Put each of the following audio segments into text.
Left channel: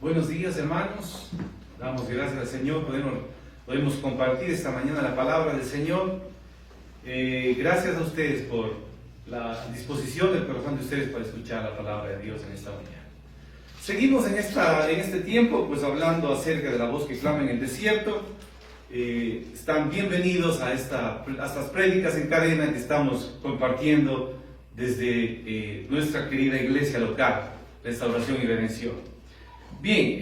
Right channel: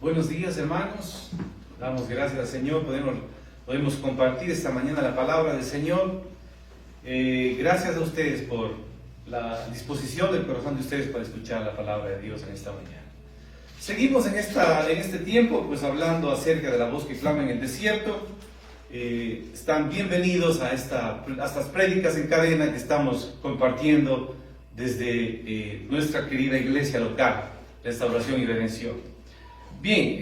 Buenos días, hermanos. Damos gracias al Señor. Podemos compartir esta mañana la palabra del Señor. Gracias a ustedes por la disposición del corazón de ustedes para escuchar la palabra de Dios en esta mañana. Seguimos en este tiempo pues hablando acerca de la voz que clama en el desierto. Están bienvenidos a estas prédicas en cadena que estamos compartiendo desde nuestra querida iglesia local, Restauración y Redención. Bien,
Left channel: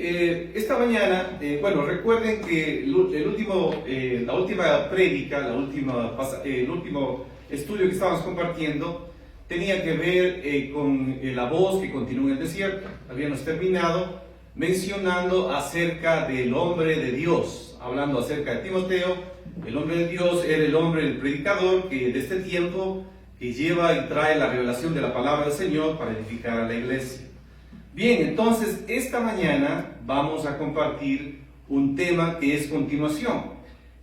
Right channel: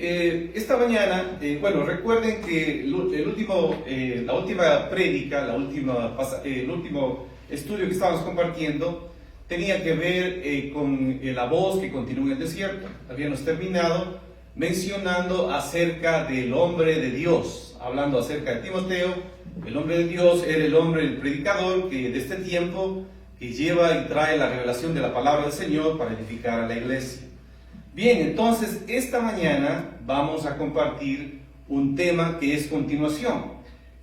esta mañana, recuerden que la última prédica, el último estudio que estábamos compartiendo tenía que ver con la voz que continúa en el desierto. Habíamos terminado mencionando acerca del hombre de Dios, hablando acerca de Timoteo. El hombre de Dios era el hombre, el predicador, que de este tiempo que lleva y trae la revelación de la palabra del Señor para edificar a la iglesia. Bien, entonces esta mañana vamos a compartir un tema que es continuación.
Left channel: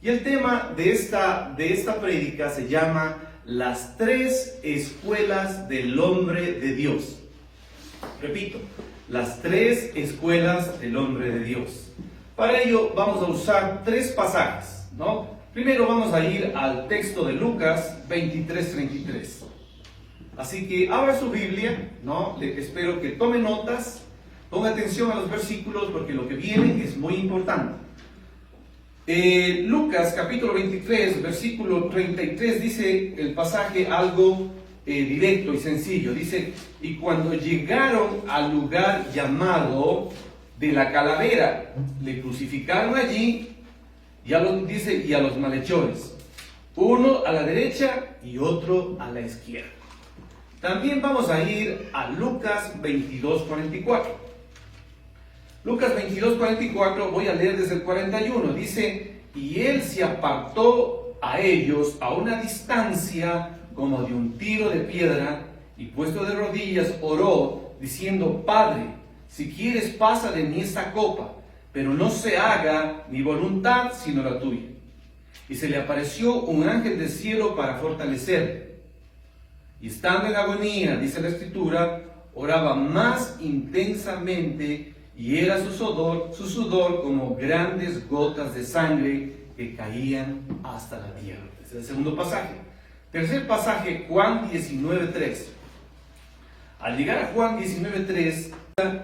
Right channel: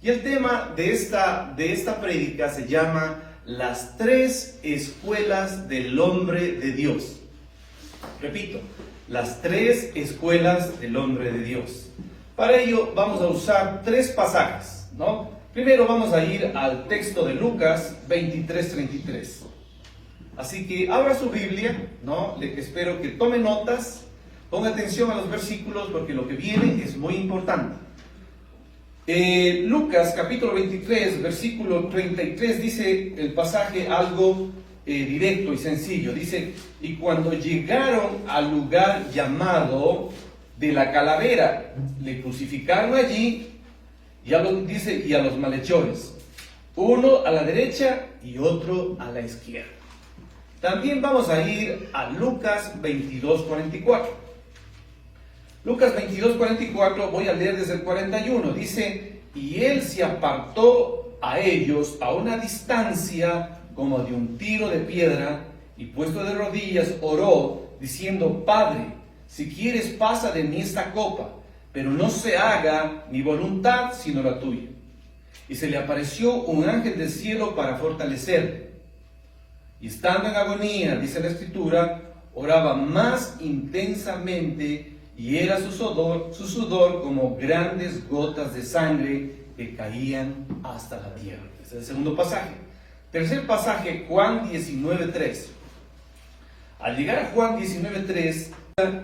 Y el tema de esta prédica se llama Las tres escuelas del hombre de Dios. Repito, las tres escuelas del hombre de Dios. Para ello vamos a usar tres pasajes, ¿no? Primero vamos a ir al texto de Lucas 23:33. Así que abra su Biblia, ¿no? Espero que tome notas, ponga atención a los versículos porque lo que viene es muy importante. Lucas capítulo 23, versículo 33 dice el pasaje algo directo y sencillo. Dice, y cuando llegaron al lugar llamado de la calavera, le crucificaron allí y a los malhechores, uno a la derecha y otro a la izquierda. También vamos a ir a Lucas 22:44. Lucas 22:44, voy a leer desde el 41. Dice, y él se apartó a ellos a una distancia como de un tiro de piedra, y puesto de rodillas oró, diciendo, Padre, si quieres pasa de mí esta copa, pero no se haga mi voluntad sino la tuya. Y se le apareció un ángel del cielo para fortalecerle. Y estando en agonía, dice la Escritura, oraba más intensamente y era su sudor como grandes gotas de sangre que caían hasta la tierra. Este es el segundo pasaje. Tercer pasaje, Juan 19:3. Al llegar a Juan 19:3,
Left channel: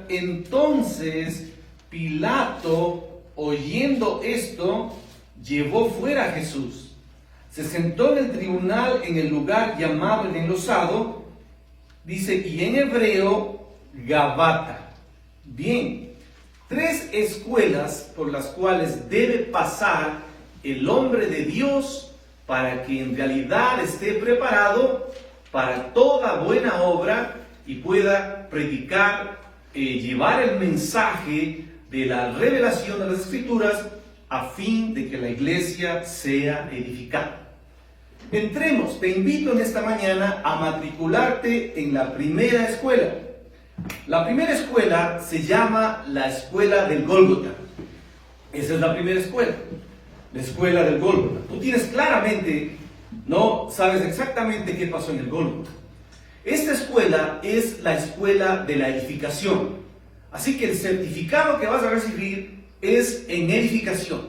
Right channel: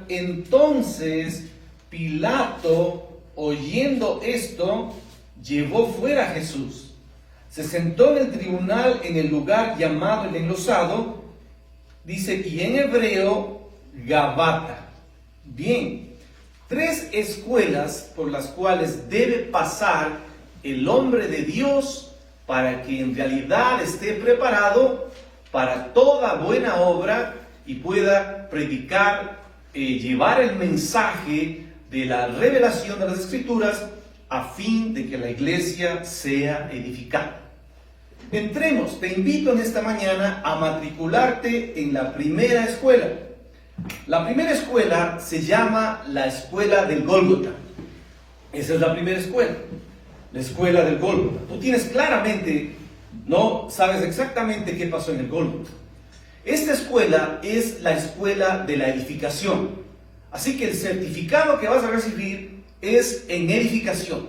entonces Pilato, oyendo esto, llevó fuera a Jesús. Se sentó en el tribunal en el lugar llamado el enlosado, dice, y en hebreo, Gabata. Bien, tres escuelas por las cuales debe pasar el hombre de Dios para que en realidad esté preparado para toda buena obra y pueda predicar, llevar el mensaje de la revelación de las Escrituras a fin de que la iglesia sea edificada. Entremos, te invito en esta mañana a matricularte en la primera escuela. La primera escuela se llama la escuela del Gólgota. Esa es la primera escuela, la escuela del Gólgota. Tú tienes claramente, no sabes exactamente qué pasó en el Gólgota. Esta escuela es la escuela de la edificación. Así que el certificado que vas a recibir es en edificación.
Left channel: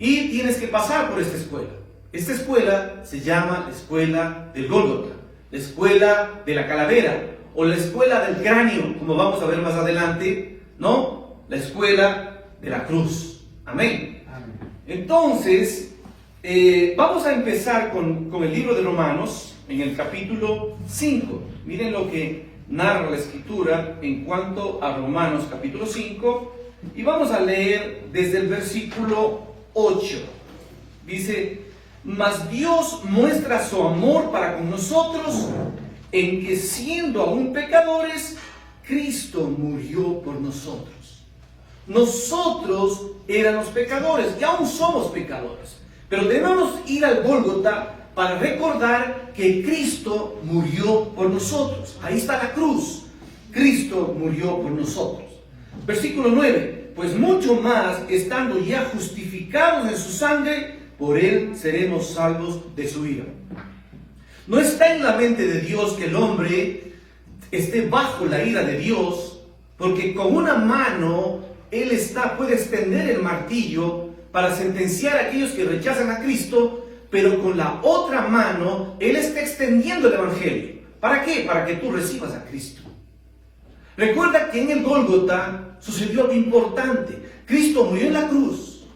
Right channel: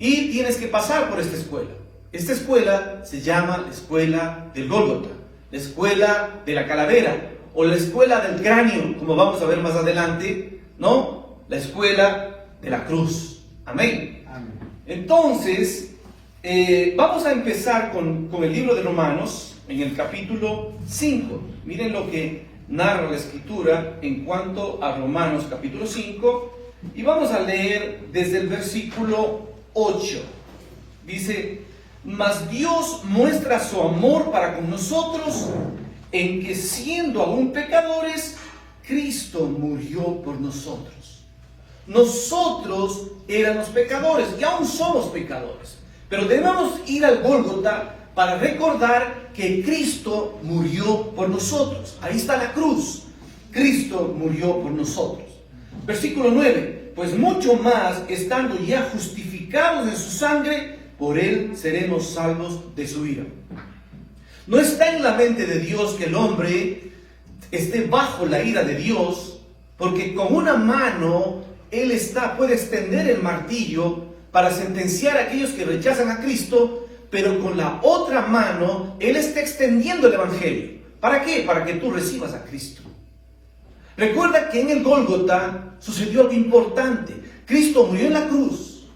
Y tienes que pasar por esta escuela. Esta escuela se llama la escuela del Gólgota, la escuela de la calavera, o la escuela del cráneo, como vamos a ver más adelante, ¿no? La escuela de la cruz. Amén. Amén. Entonces, vamos a empezar con el libro de Romanos, en el capítulo 5. Miren lo que narra la Escritura en cuanto a Romanos capítulo 5, y vamos a leer desde el versículo 8. Dice, mas Dios muestra su amor para con nosotros en que siendo aún pecadores, Cristo murió por nosotros. Nosotros éramos pecadores y aún somos pecadores, pero debemos ir al Gólgota para recordar que Cristo murió por nosotros. Ahí está la cruz. Cristo murió por nosotros. Versículo 9. Pues mucho más, estando ya justificados en su sangre, por él seremos salvos de su ira. No está en la mente de Dios que el hombre esté bajo la ira de Dios, Porque con una mano Él puede extender el martillo para sentenciar a aquellos que rechazan a Cristo, pero con la otra mano Él está extendiendo el Evangelio. ¿Para qué? Para que tú recibas a Cristo. Recuerda que en el Gólgota sucedió algo importante. Cristo murió en la cruz.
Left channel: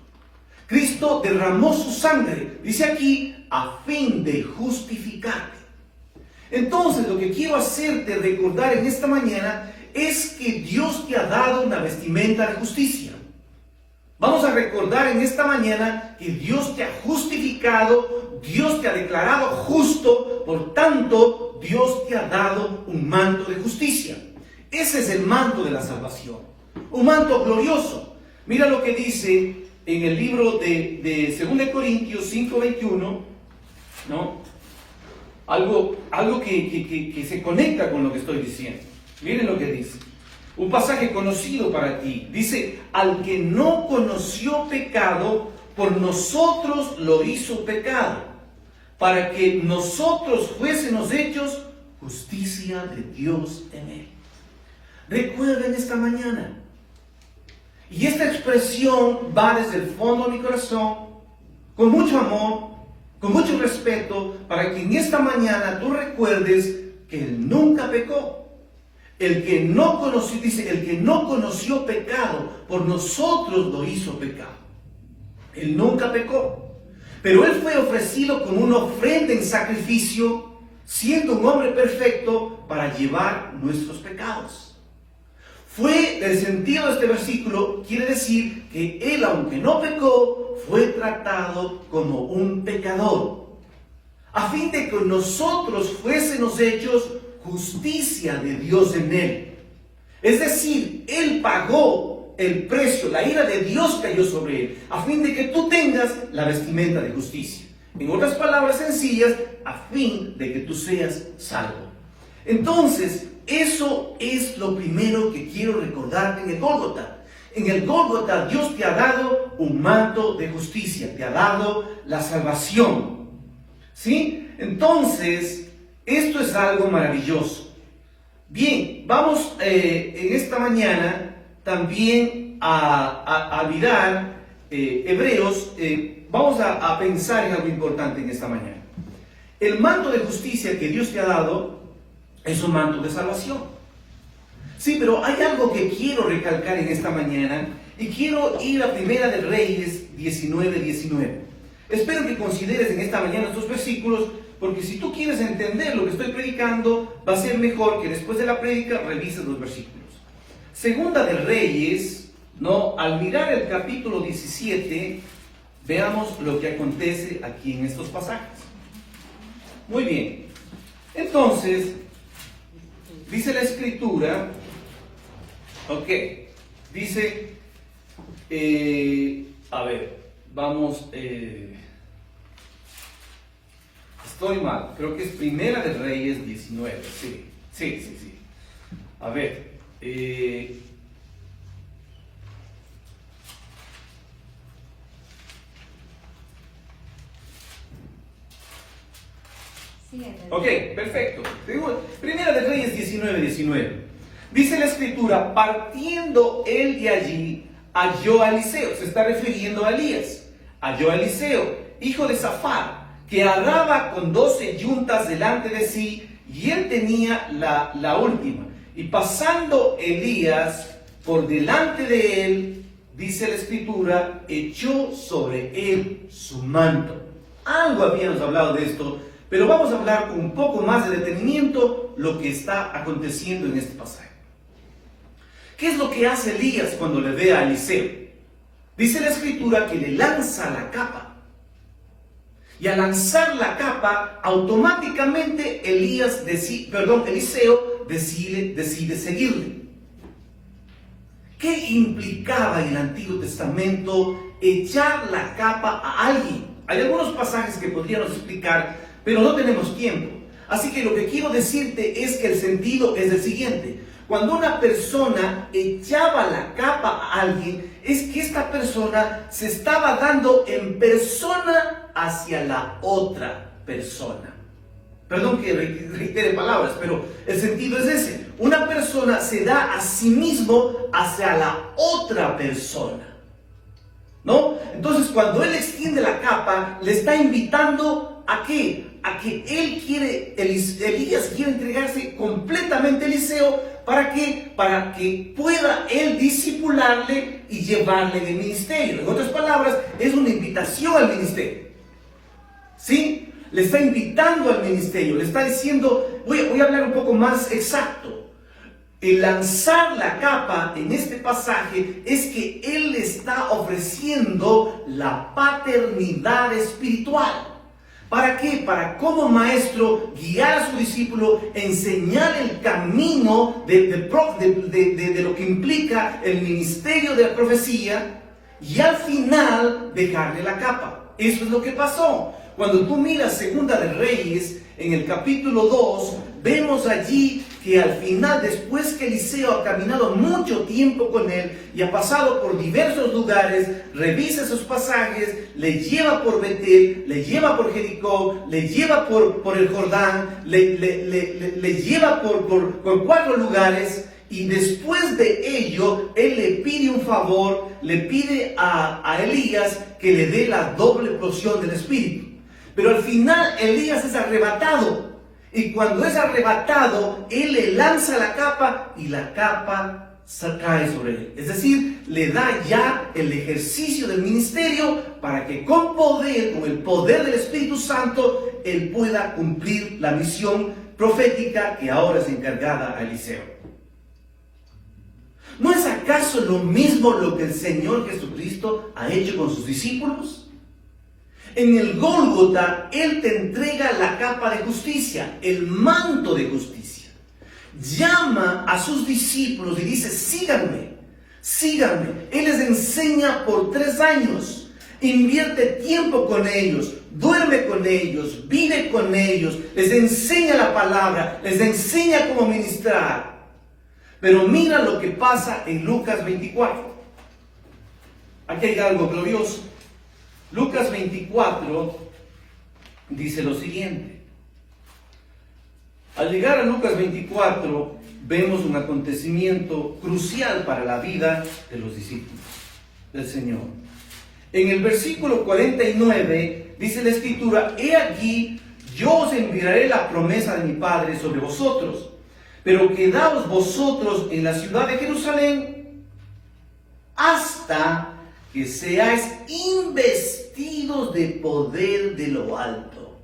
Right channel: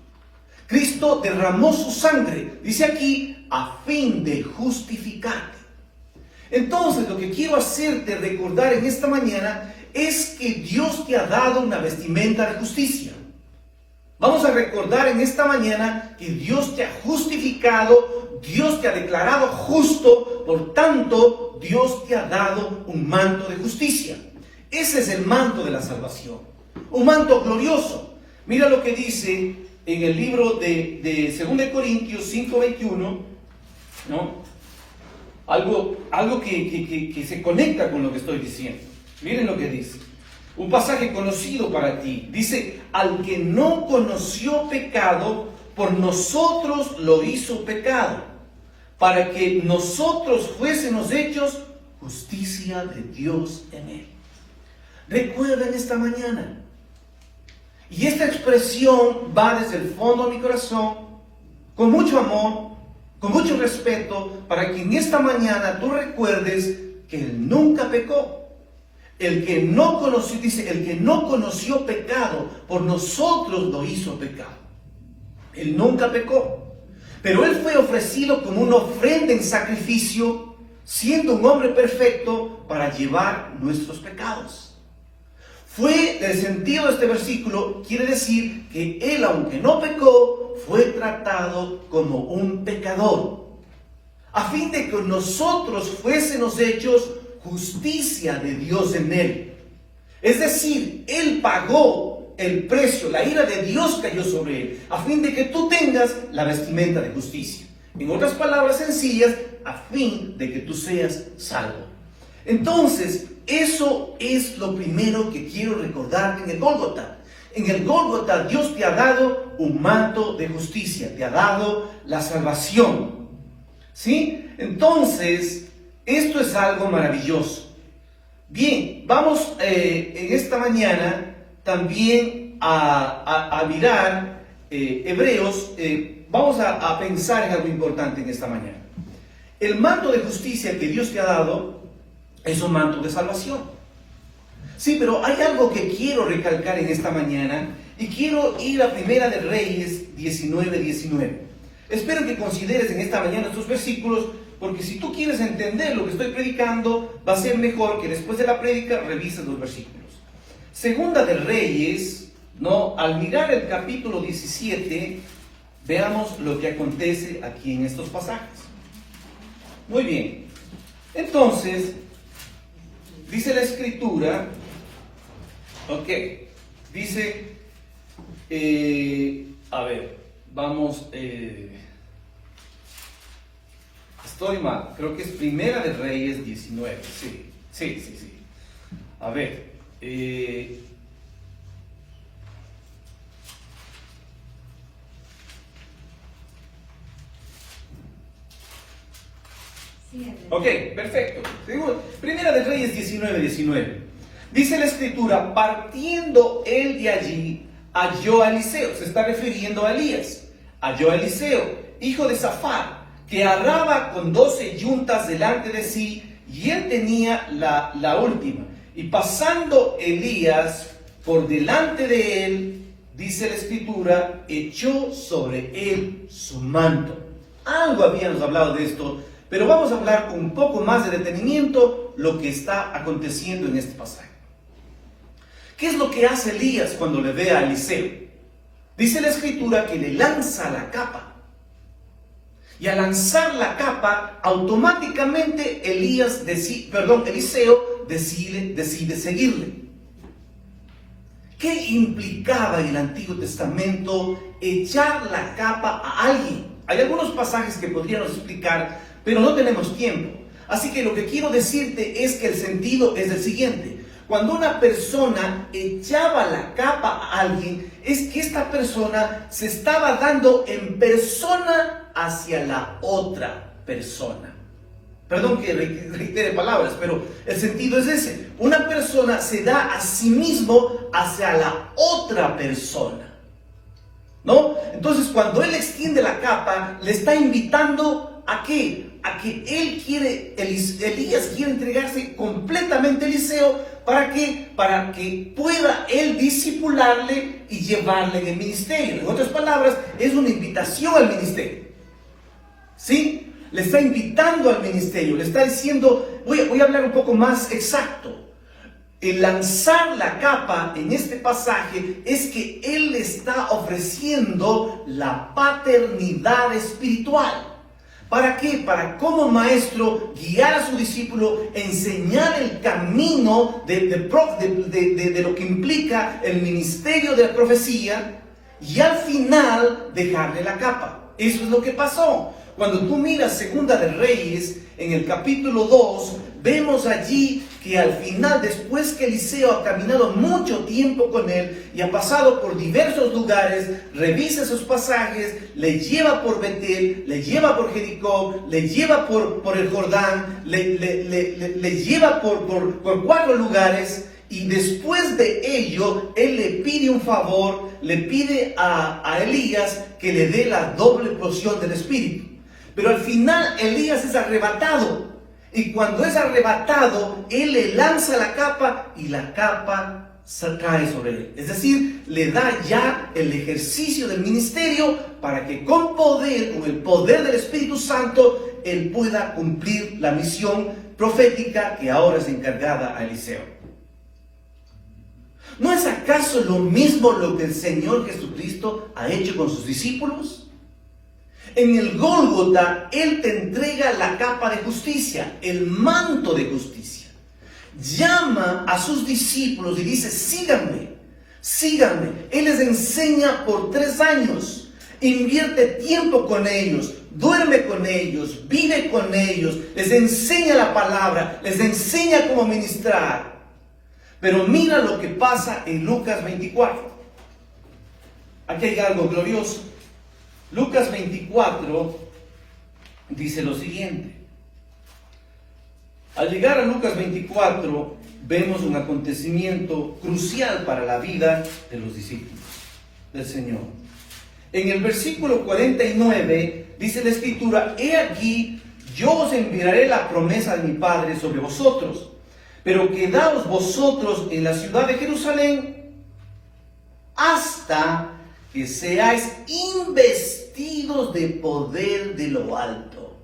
Cristo derramó su sangre, dice aquí, a fin de justificarte. Entonces, lo que quiero hacerte recordar en esta mañana es que Dios te ha dado una vestimenta de justicia. Vamos a recordar en esta mañana que Dios te ha justificado, Dios te ha declarado justo, por tanto, Dios te ha dado un manto de justicia. Ese es el manto de la salvación, un manto glorioso. Mira lo que dice en el libro de 2 Corintios 5:21, ¿no? Algo que se conecta con lo que estoy diciendo. Miren lo que dice. Un pasaje conocido para ti. Dice, al que no conoció pecado, por nosotros lo hizo pecado, para que nosotros fuésemos hechos justicia de Dios en él. Recuerden esta mañana. Y esta expresión va desde el fondo de mi corazón, con mucho amor, con mucho respeto, para que en esta mañana tú recuerdes que Él nunca pecó. El que no conoció, dice, el que no conoció pecado, por nosotros lo hizo pecado. Él nunca pecó. Pero Él fue ofrecido como una ofrenda en sacrificio, siendo un hombre perfecto, para llevar nuestros pecados. El sentido de este versículo quiere decir que Él, aunque no pecó, fue tratado como un pecador, a fin de que nosotros fuésemos hechos justicia de Dios en Él. Es decir, Él pagó el precio, la ira de Dios cayó sobre Él, a fin de que tú tengas la vestimenta de justicia. En otras palabras sencillas, a fin de que tú seas salvo. Entonces, eso es lo primero que quiero recordarte en el Gólgota. En el Gólgota Dios te ha dado un manto de justicia, te ha dado la salvación. ¿Sí? Entonces, esto es algo maravilloso. Bien, vamos en esta mañana también a mirar Hebreos. Vamos a pensar en algo importante en esta mañana. El manto de justicia que Dios te ha dado es un manto de salvación. Sí, pero hay algo que quiero recalcar en esta mañana y quiero ir a Primera de Reyes 19:19. Espero que consideres en esta mañana estos versículos, porque si tú quieres entender lo que estoy predicando, va a ser mejor que después de la prédica revises los versículos. Segunda de Reyes, ¿no? Al mirar el capítulo 17, veamos lo que acontece aquí en estos pasajes. Muy bien. Entonces, dice la Escritura, dice, a ver, vamos, estoy mal, creo que es Primera de Reyes 19, sí. A ver, perfecto. Primera de Reyes 19:19. Dice la Escritura, partiendo él de allí, halló a Eliseo, se está refiriendo a Elías, halló a Eliseo, hijo de Safat, que araba con 12 yuntas delante de sí, y él tenía la última. Y pasando Elías por delante de él, dice la Escritura, echó sobre él su manto. Algo habíamos hablado de esto, pero vamos a hablar con un poco más de detenimiento lo que está aconteciendo en este pasaje. ¿Qué es lo que hace Elías cuando le ve a Eliseo? Dice la Escritura que le lanza la capa. Y al lanzar la capa, automáticamente Eliseo decide seguirle. ¿Qué implicaba en el Antiguo Testamento echar la capa a alguien? Hay algunos pasajes que podríamos explicar, pero no tenemos tiempo. Así que lo que quiero decirte es que el sentido es el siguiente. Cuando una persona echaba la capa a alguien, es que esta persona se estaba dando en persona hacia la otra persona. Perdón que reitere palabras, pero el sentido es ese. Una persona se da a sí mismo hacia la otra persona, ¿no? Entonces, cuando él extiende la capa, le está invitando ¿a qué? A que Elías quiere entregarse completamente a Eliseo. ¿Para qué? Para que pueda él discipularle y llevarle en el ministerio. En otras palabras, es una invitación al ministerio. ¿Sí? Le está invitando al ministerio, le está diciendo, voy a hablar un poco más exacto. El lanzar la capa en este pasaje es que él le está ofreciendo la paternidad espiritual. ¿Para qué? Para como maestro guiar a su discípulo, enseñar el camino de lo que implica el ministerio de la profecía y al final dejarle la capa. Eso es lo que pasó. Cuando tú miras Segunda de Reyes, en el capítulo 2, vemos allí que al final, después que Eliseo ha caminado mucho tiempo con él y ha pasado por diversos lugares, revisa esos pasajes, le lleva por Betel, le lleva por Jericó, le lleva por el Jordán, le lleva por 4 lugares, y después de ello, él le pide un favor, le pide a Elías que le dé la doble porción del Espíritu. Pero al final Elías es arrebatado. Y cuando es arrebatado, él le lanza la capa y la capa cae sobre él. Es decir, le da ya el ejercicio del ministerio para que con el poder del Espíritu Santo, él pueda cumplir la misión profética que ahora es encargada a Eliseo. ¿No es acaso lo mismo lo que el Señor Jesucristo ha hecho con sus discípulos? En el Gólgota, Él te entrega la capa de justicia, el manto de justicia. Llama a sus discípulos y dice, síganme, síganme. Él les enseña por 3 años, invierte tiempo con ellos, duerme con ellos, vive con ellos, les enseña la palabra, les enseña cómo ministrar. Pero mira lo que pasa en Lucas 24. Aquí hay algo glorioso. Lucas 24 dice lo siguiente. Al llegar a Lucas 24 vemos un acontecimiento crucial para la vida de los discípulos del Señor. En el versículo 49 dice la Escritura, he aquí, yo os enviaré la promesa de mi Padre sobre vosotros, pero quedaos vosotros en la ciudad de Jerusalén hasta que seáis investidos de poder de lo alto.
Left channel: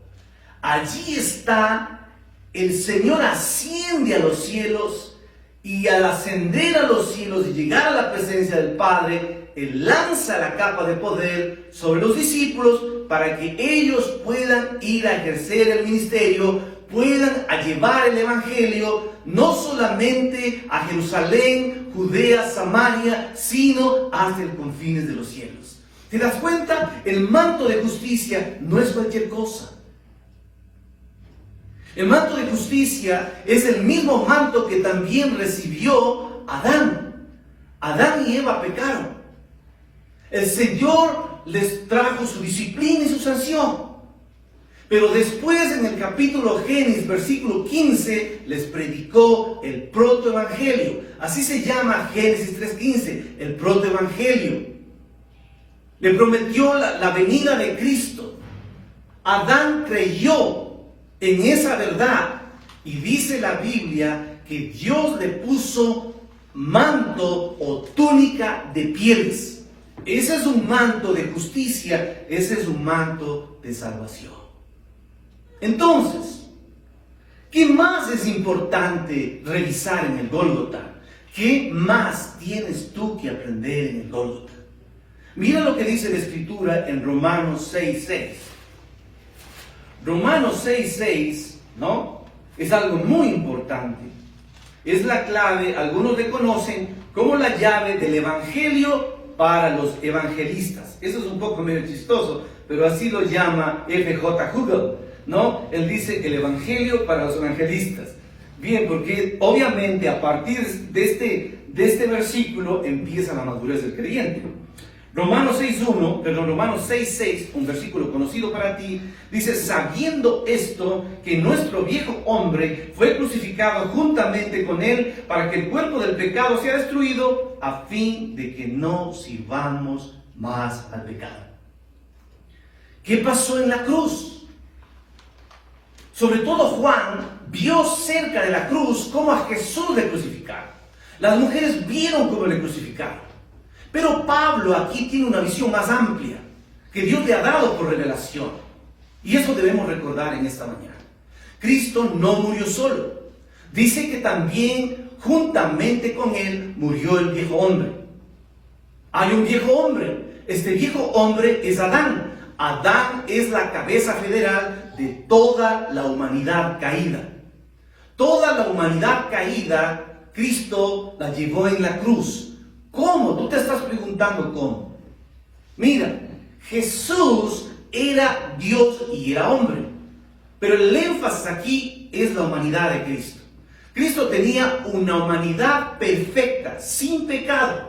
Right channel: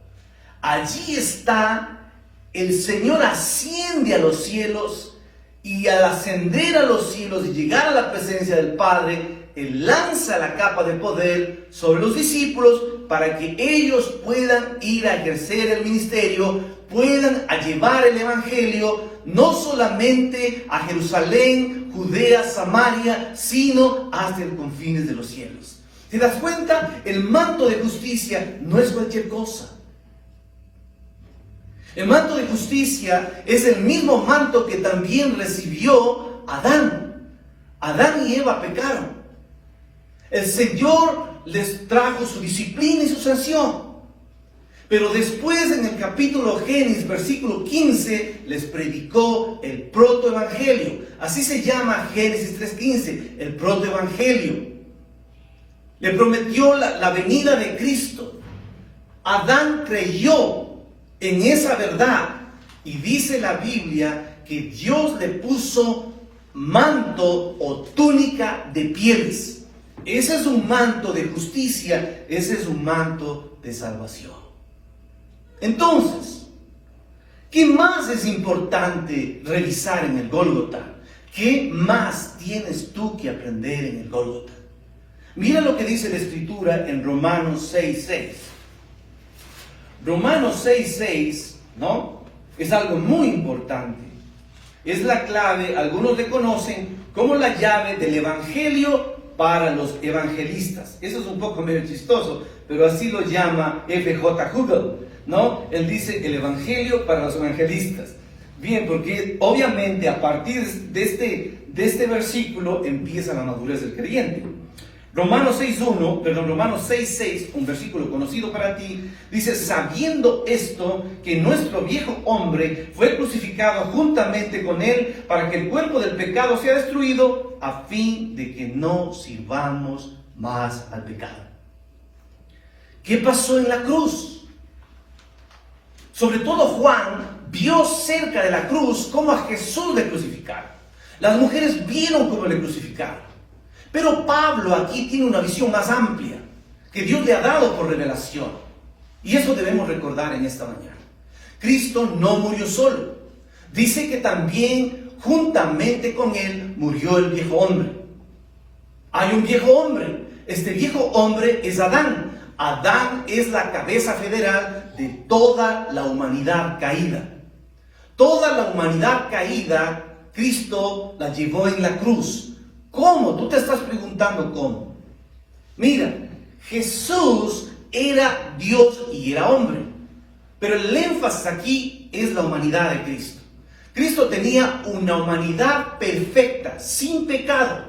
Allí está, el Señor asciende a los cielos, y al ascender a los cielos y llegar a la presencia del Padre, Él lanza la capa de poder sobre los discípulos para que ellos puedan ir a ejercer el ministerio, puedan llevar el Evangelio, no solamente a Jerusalén, Judea, Samaria, sino hasta el confines de los cielos. ¿Te das cuenta? El manto de justicia no es cualquier cosa. El manto de justicia es el mismo manto que también recibió Adán. Adán y Eva pecaron. El Señor les trajo su disciplina y su sanción. Pero después, en el capítulo Génesis, versículo 15, les predicó el protoevangelio. Así se llama Génesis 3:15, el protoevangelio. Le prometió la venida de Cristo. Adán creyó en esa verdad, y dice la Biblia que Dios le puso manto o túnica de pieles. Ese es un manto de justicia, ese es un manto de salvación. Entonces, ¿qué más es importante revisar en el Gólgota? ¿Qué más tienes tú que aprender en el Gólgota? Mira lo que dice la Escritura en Romanos 6:6. Romanos 6:6, ¿no? Es algo muy importante. Es la clave, algunos le conocen como la llave del Evangelio para los evangelistas. Eso es un poco medio chistoso, pero así lo llama F.J. Hugel, ¿no? Él dice el Evangelio para los evangelistas. Bien, porque obviamente a partir de este versículo empieza la madurez del creyente. Romanos 6:6, un versículo conocido para ti, dice: sabiendo esto, que nuestro viejo hombre fue crucificado juntamente con él, para que el cuerpo del pecado sea destruido, a fin de que no sirvamos más al pecado. ¿Qué pasó en la cruz? Sobre todo Juan vio cerca de la cruz cómo a Jesús le crucificaron. Las mujeres vieron cómo le crucificaron. Pero Pablo aquí tiene una visión más amplia que Dios le ha dado por revelación. Y eso debemos recordar en esta mañana. Cristo no murió solo. Dice que también juntamente con él murió el viejo hombre. Hay un viejo hombre. Este viejo hombre es Adán. Adán es la cabeza federal de toda la humanidad caída. Toda la humanidad caída, Cristo la llevó en la cruz. ¿Cómo? Tú te estás preguntando cómo. Mira, Jesús era Dios y era hombre. Pero el énfasis aquí es la humanidad de Cristo. Cristo tenía una humanidad perfecta, sin pecado.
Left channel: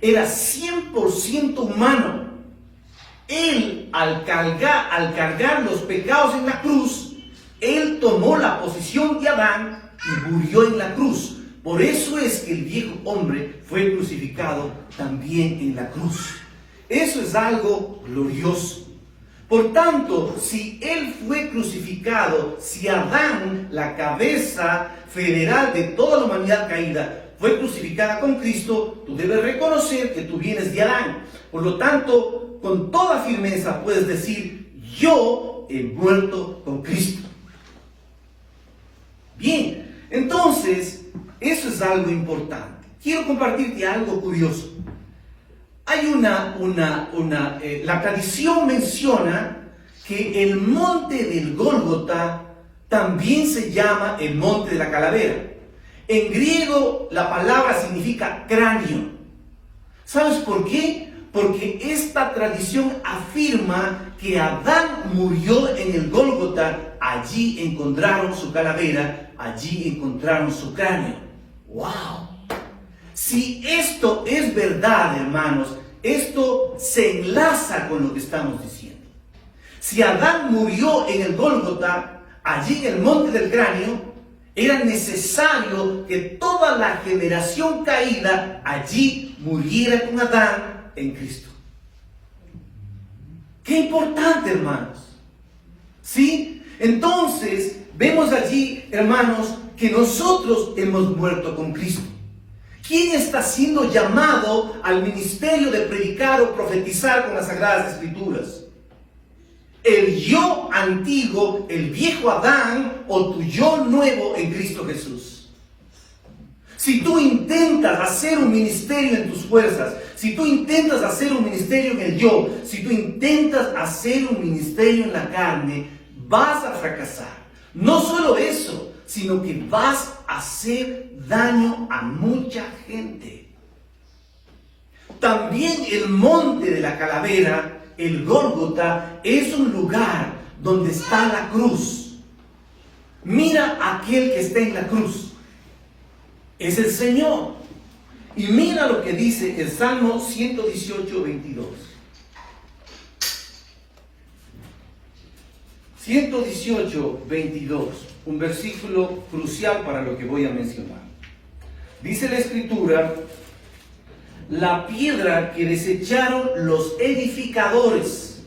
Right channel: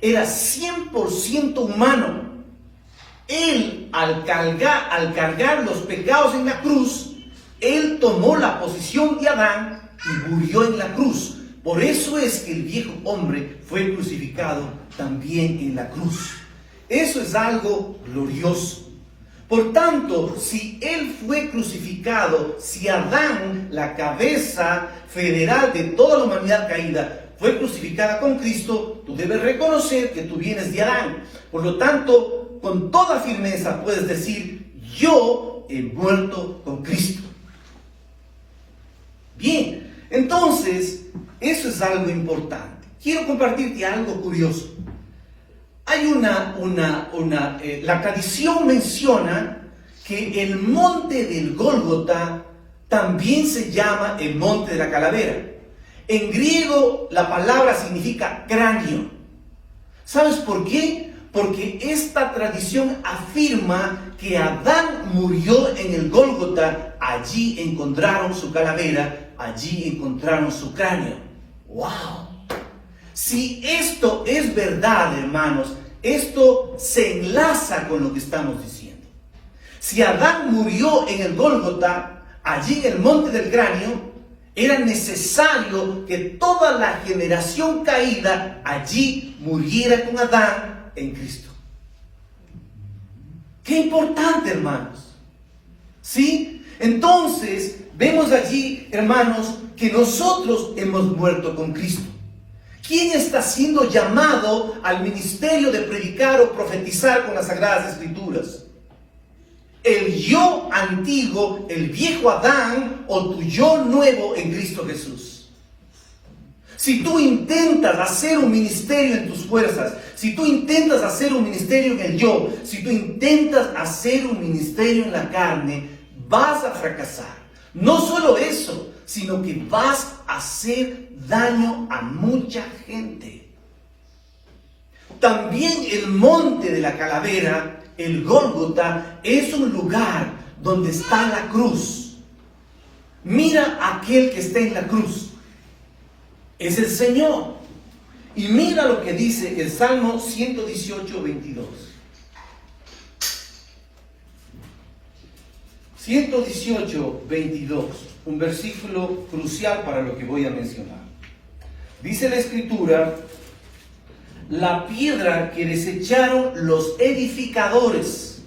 Era 100% humano. Él, al cargar los pecados en la cruz, Él tomó la posición de Adán y murió en la cruz. Por eso es que el viejo hombre fue crucificado también en la cruz. Eso es algo glorioso. Por tanto, si Él fue crucificado, si Adán, la cabeza federal de toda la humanidad caída, fue crucificada con Cristo, tú debes reconocer que tú vienes de Adán. Por lo tanto, con toda firmeza puedes decir: yo he muerto con Cristo. Bien, entonces, eso es algo importante. Quiero compartirte algo curioso. Hay la tradición menciona que el monte del Gólgota también se llama el monte de la calavera. En griego la palabra significa cráneo. ¿Sabes por qué? Porque esta tradición afirma que Adán murió en el Gólgota. Allí encontraron su calavera, allí encontraron su cráneo. ¡Wow! Si esto es verdad, hermanos, esto se enlaza con lo que estamos diciendo. Si Adán murió en el Gólgota, allí en el monte del cráneo, era necesario que toda la generación caída allí muriera con Adán en Cristo. ¡Qué importante, hermanos! ¿Sí? Entonces, vemos allí, hermanos, que nosotros hemos muerto con Cristo. ¿Quién está siendo llamado al ministerio de predicar o profetizar con las Sagradas Escrituras? ¿El yo antiguo, el viejo Adán, o tu yo nuevo en Cristo Jesús? Si tú intentas hacer un ministerio en tus fuerzas, si tú intentas hacer un ministerio en el yo, si tú intentas hacer un ministerio en la carne, vas a fracasar. No solo eso, sino que vas a hacer daño a mucha gente. También el monte de la calavera, el Gólgota, es un lugar donde está la cruz. Mira a aquel que está en la cruz. Es el Señor. Y mira lo que dice el Salmo 118, 22. 118, 22, un versículo crucial para lo que voy a mencionar. Dice la Escritura: la piedra que desecharon los edificadores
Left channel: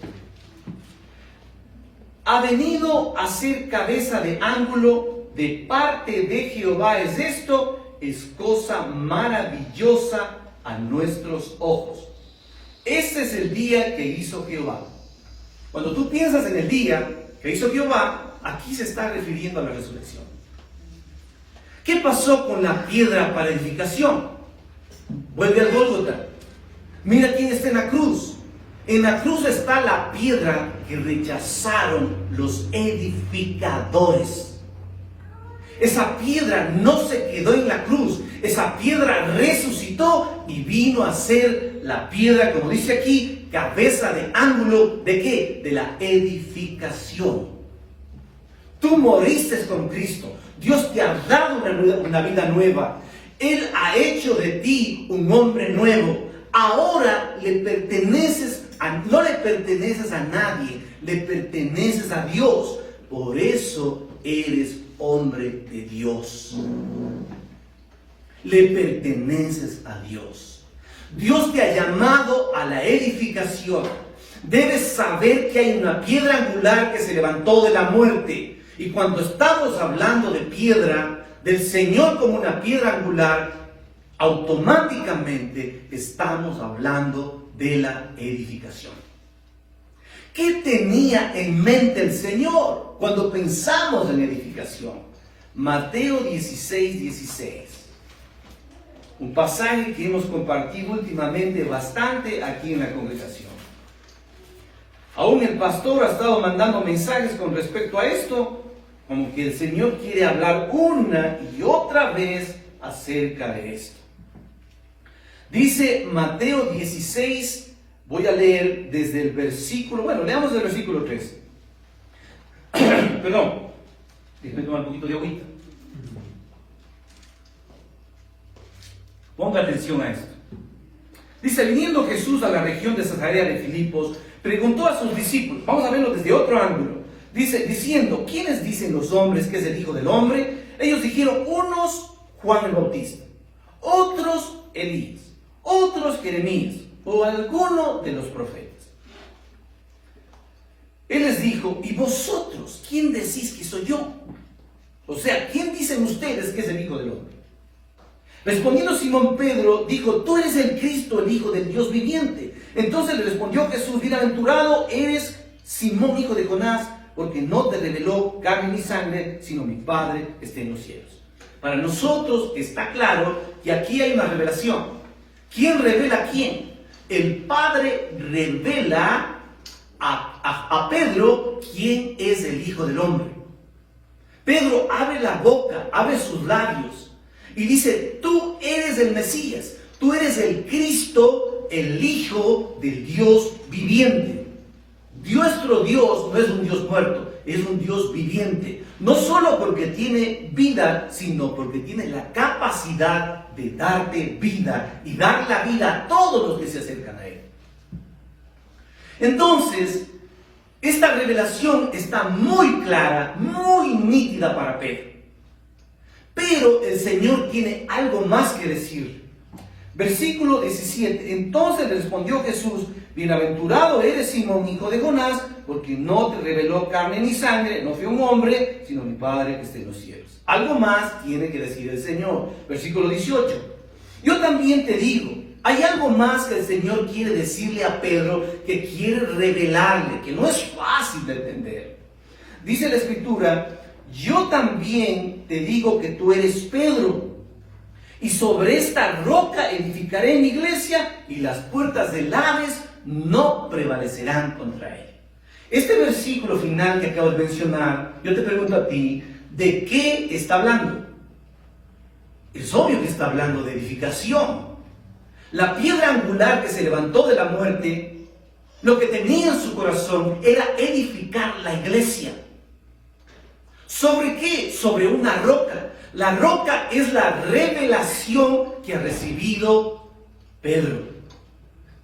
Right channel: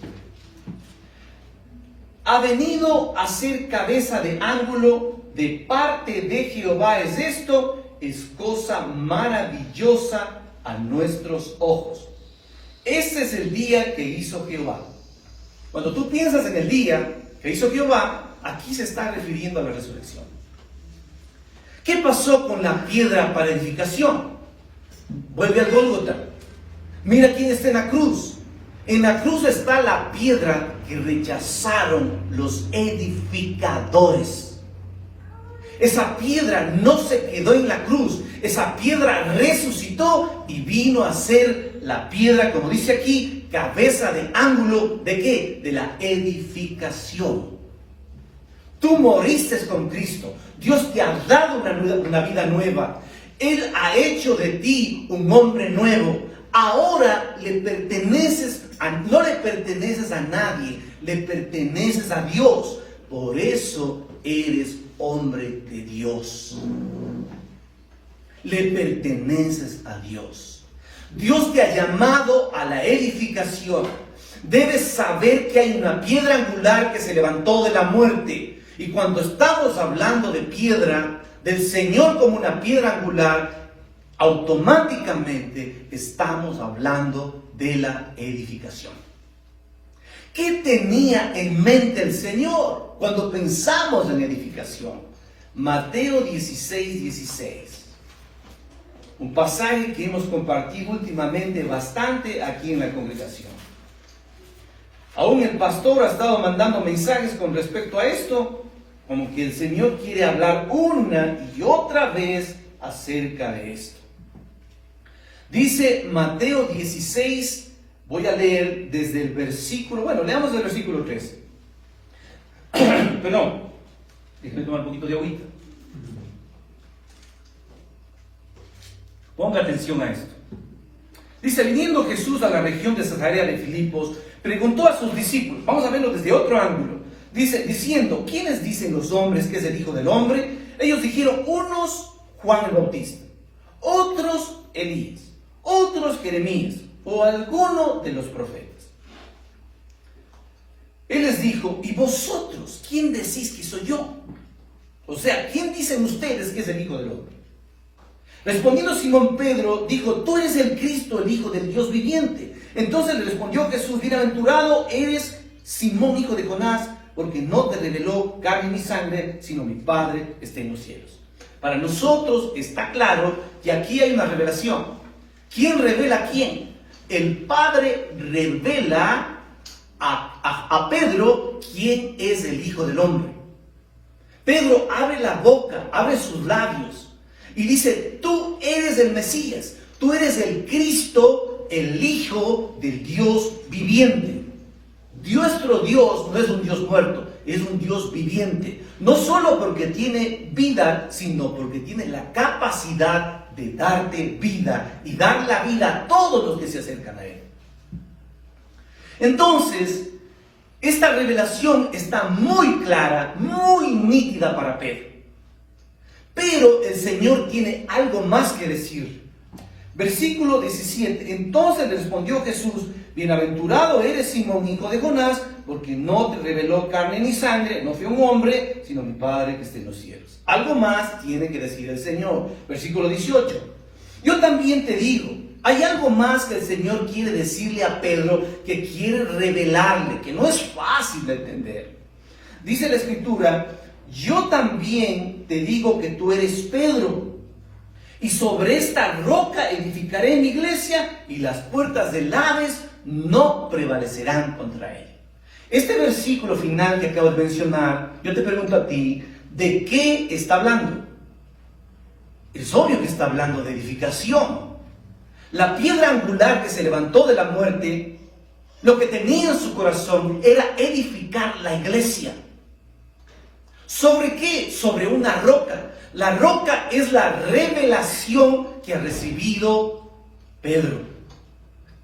ha venido a ser cabeza de ángulo de parte de Jehová. Es esto, es cosa maravillosa a nuestros ojos. Este es el día que hizo Jehová. Cuando tú piensas en el día que hizo Jehová, aquí se está refiriendo a la resurrección. ¿Qué pasó con la piedra para edificación? Vuelve al Gólgota. Mira quién está en la cruz. En la cruz está la piedra que rechazaron los edificadores. Esa piedra no se quedó en la cruz. Esa piedra resucitó y vino a ser la piedra, como dice aquí, cabeza de ángulo, ¿de qué? De la edificación. Tú moriste con Cristo. Dios te ha dado una vida nueva. Él ha hecho de ti un hombre nuevo. ahora no le perteneces a nadie, le perteneces a Dios. Por eso eres hombre de Dios. Le perteneces a Dios. Dios te ha llamado a la edificación. Debes saber que hay una piedra angular que se levantó de la muerte. Y cuando estamos hablando de piedra, del Señor como una piedra angular, automáticamente estamos hablando de la edificación. ¿Qué tenía en mente el Señor cuando pensamos en edificación? Mateo 16:16. Un pasaje que hemos compartido últimamente bastante aquí en la congregación. Aún el pastor ha estado mandando mensajes con respecto a esto, como que el Señor quiere hablar una y otra vez acerca de esto. Dice Mateo 16, voy a leer desde el versículo, leamos el versículo 13. Perdón, déjenme tomar un poquito de agüita. Ponga atención a esto. Dice, viniendo Jesús a la región de Cesarea de Filipos, preguntó a sus discípulos, vamos a verlo desde otro ángulo, diciendo, ¿quiénes dicen los hombres que es el Hijo del Hombre? Ellos dijeron, unos Juan el Bautista, otros Elías, otros Jeremías, o alguno de los profetas. Él les dijo, ¿y vosotros quién decís que soy yo? O sea, ¿quién dicen ustedes que es el Hijo del Hombre? Respondiendo Simón Pedro, dijo, tú eres el Cristo, el Hijo del Dios viviente. Entonces le respondió Jesús, bienaventurado eres Simón, hijo de Jonás, porque no te reveló carne ni sangre, sino mi Padre que está en los cielos. Para nosotros está claro que aquí hay una revelación. ¿Quién revela a quién? El Padre revela a Pedro quién es el Hijo del Hombre. Pedro abre la boca, abre sus labios y dice, tú eres el Mesías, tú eres el Cristo, el Hijo del Dios viviente. Nuestro Dios no es un Dios muerto, es un Dios viviente. No solo porque tiene vida, sino porque tiene la capacidad de darte vida y dar la vida a todos los que se acercan a Él. Entonces, esta revelación está muy clara, muy nítida para Pedro. Pero el Señor tiene algo más que decir. Versículo 17. Entonces respondió Jesús, bienaventurado eres Simón, hijo de Jonás, porque no te reveló carne ni sangre, no fue un hombre, sino mi Padre que está en los cielos. Algo más tiene que decir el Señor. Versículo 18. Yo también te digo, hay algo más que el Señor quiere decirle a Pedro, que quiere revelarle, que no es fácil de entender. Dice la Escritura, yo también te digo que tú eres Pedro, y sobre esta roca edificaré mi iglesia, y las puertas del Hades no prevalecerán contra él. Este versículo final que acabo de mencionar, yo te pregunto a ti, ¿de qué está hablando? Es obvio que está hablando de edificación. La piedra angular que se levantó de la muerte, lo que tenía en su corazón era edificar la iglesia. ¿Sobre qué? Sobre una roca. La roca es la revelación que ha recibido Pedro.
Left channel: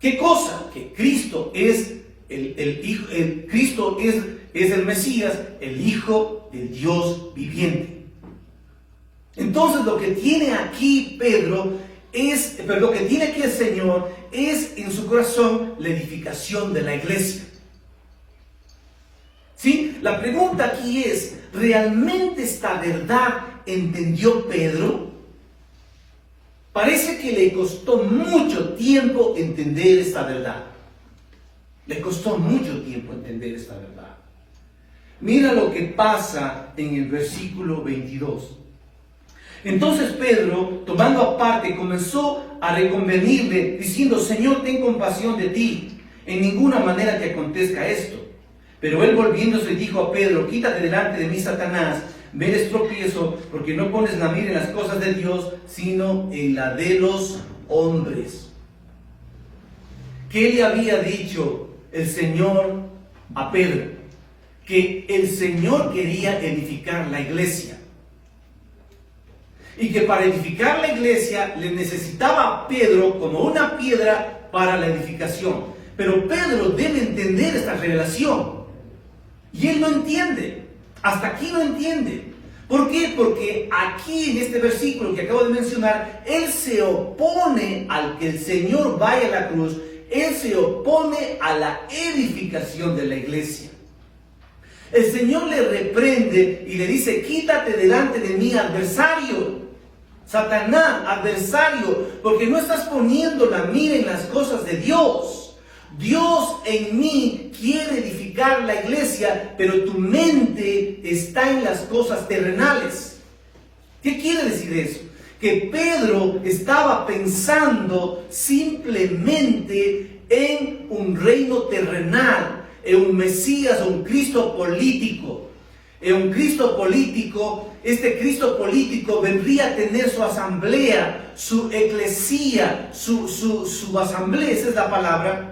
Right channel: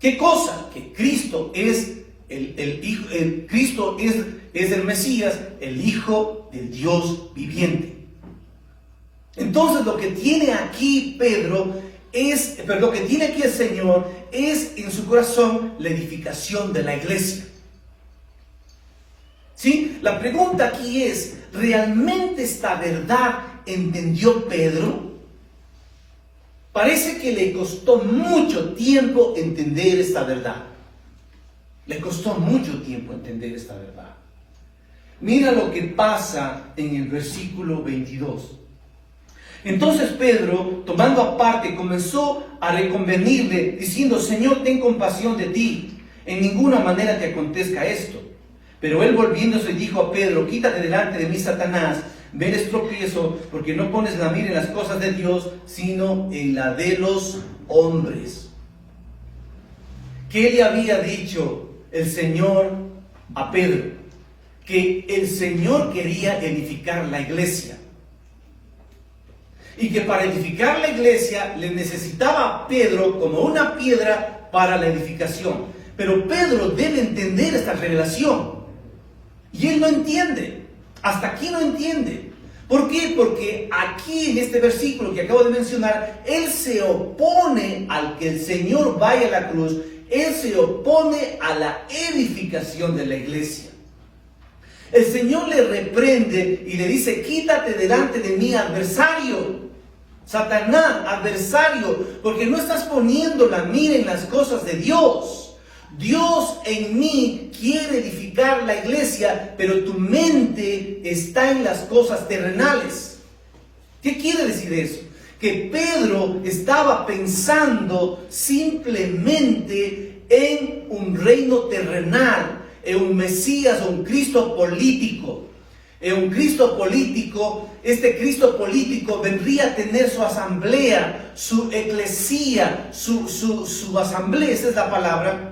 ¿Qué cosa? Que Cristo es Cristo es el Mesías, el Hijo del Dios viviente. Entonces lo que tiene aquí lo que tiene aquí el Señor es en su corazón la edificación de la iglesia. ¿Sí? La pregunta aquí es, ¿realmente esta verdad entendió Pedro? Parece que le costó mucho tiempo entender esta verdad. Le costó mucho tiempo entender esta verdad. Mira lo que pasa en el versículo 22. Entonces Pedro, tomando aparte, comenzó a reconvenirle, diciendo, Señor, ten compasión de ti, en ninguna manera que acontezca esto. Pero él volviéndose dijo a Pedro, quítate delante de mí, Satanás, me eres tropiezo, porque no pones la mira en las cosas de Dios, sino en la de los hombres. ¿Qué le había dicho el Señor a Pedro? Que el Señor quería edificar la iglesia. y que para edificar la iglesia le necesitaba a Pedro como una piedra para la edificación. Pero Pedro debe entender esta revelación y él no entiende, hasta aquí no entiende. ¿Por qué? Porque aquí en este versículo que acabo de mencionar, él se opone al que el Señor vaya a la cruz, él se opone a la edificación de la iglesia. El Señor le reprende y le dice: quítate delante de mí, adversario, Satanás, adversario, porque no estás poniendo la mira en las cosas de Dios. Dios en mí quiere edificar la iglesia, pero tu mente está en las cosas terrenales. ¿Qué quiere decir eso? Que Pedro estaba pensando simplemente en un reino terrenal, en un Mesías, un Cristo político. En un Cristo político, este Cristo político vendría a tener su asamblea, su eclesía, su asamblea, esa es la palabra,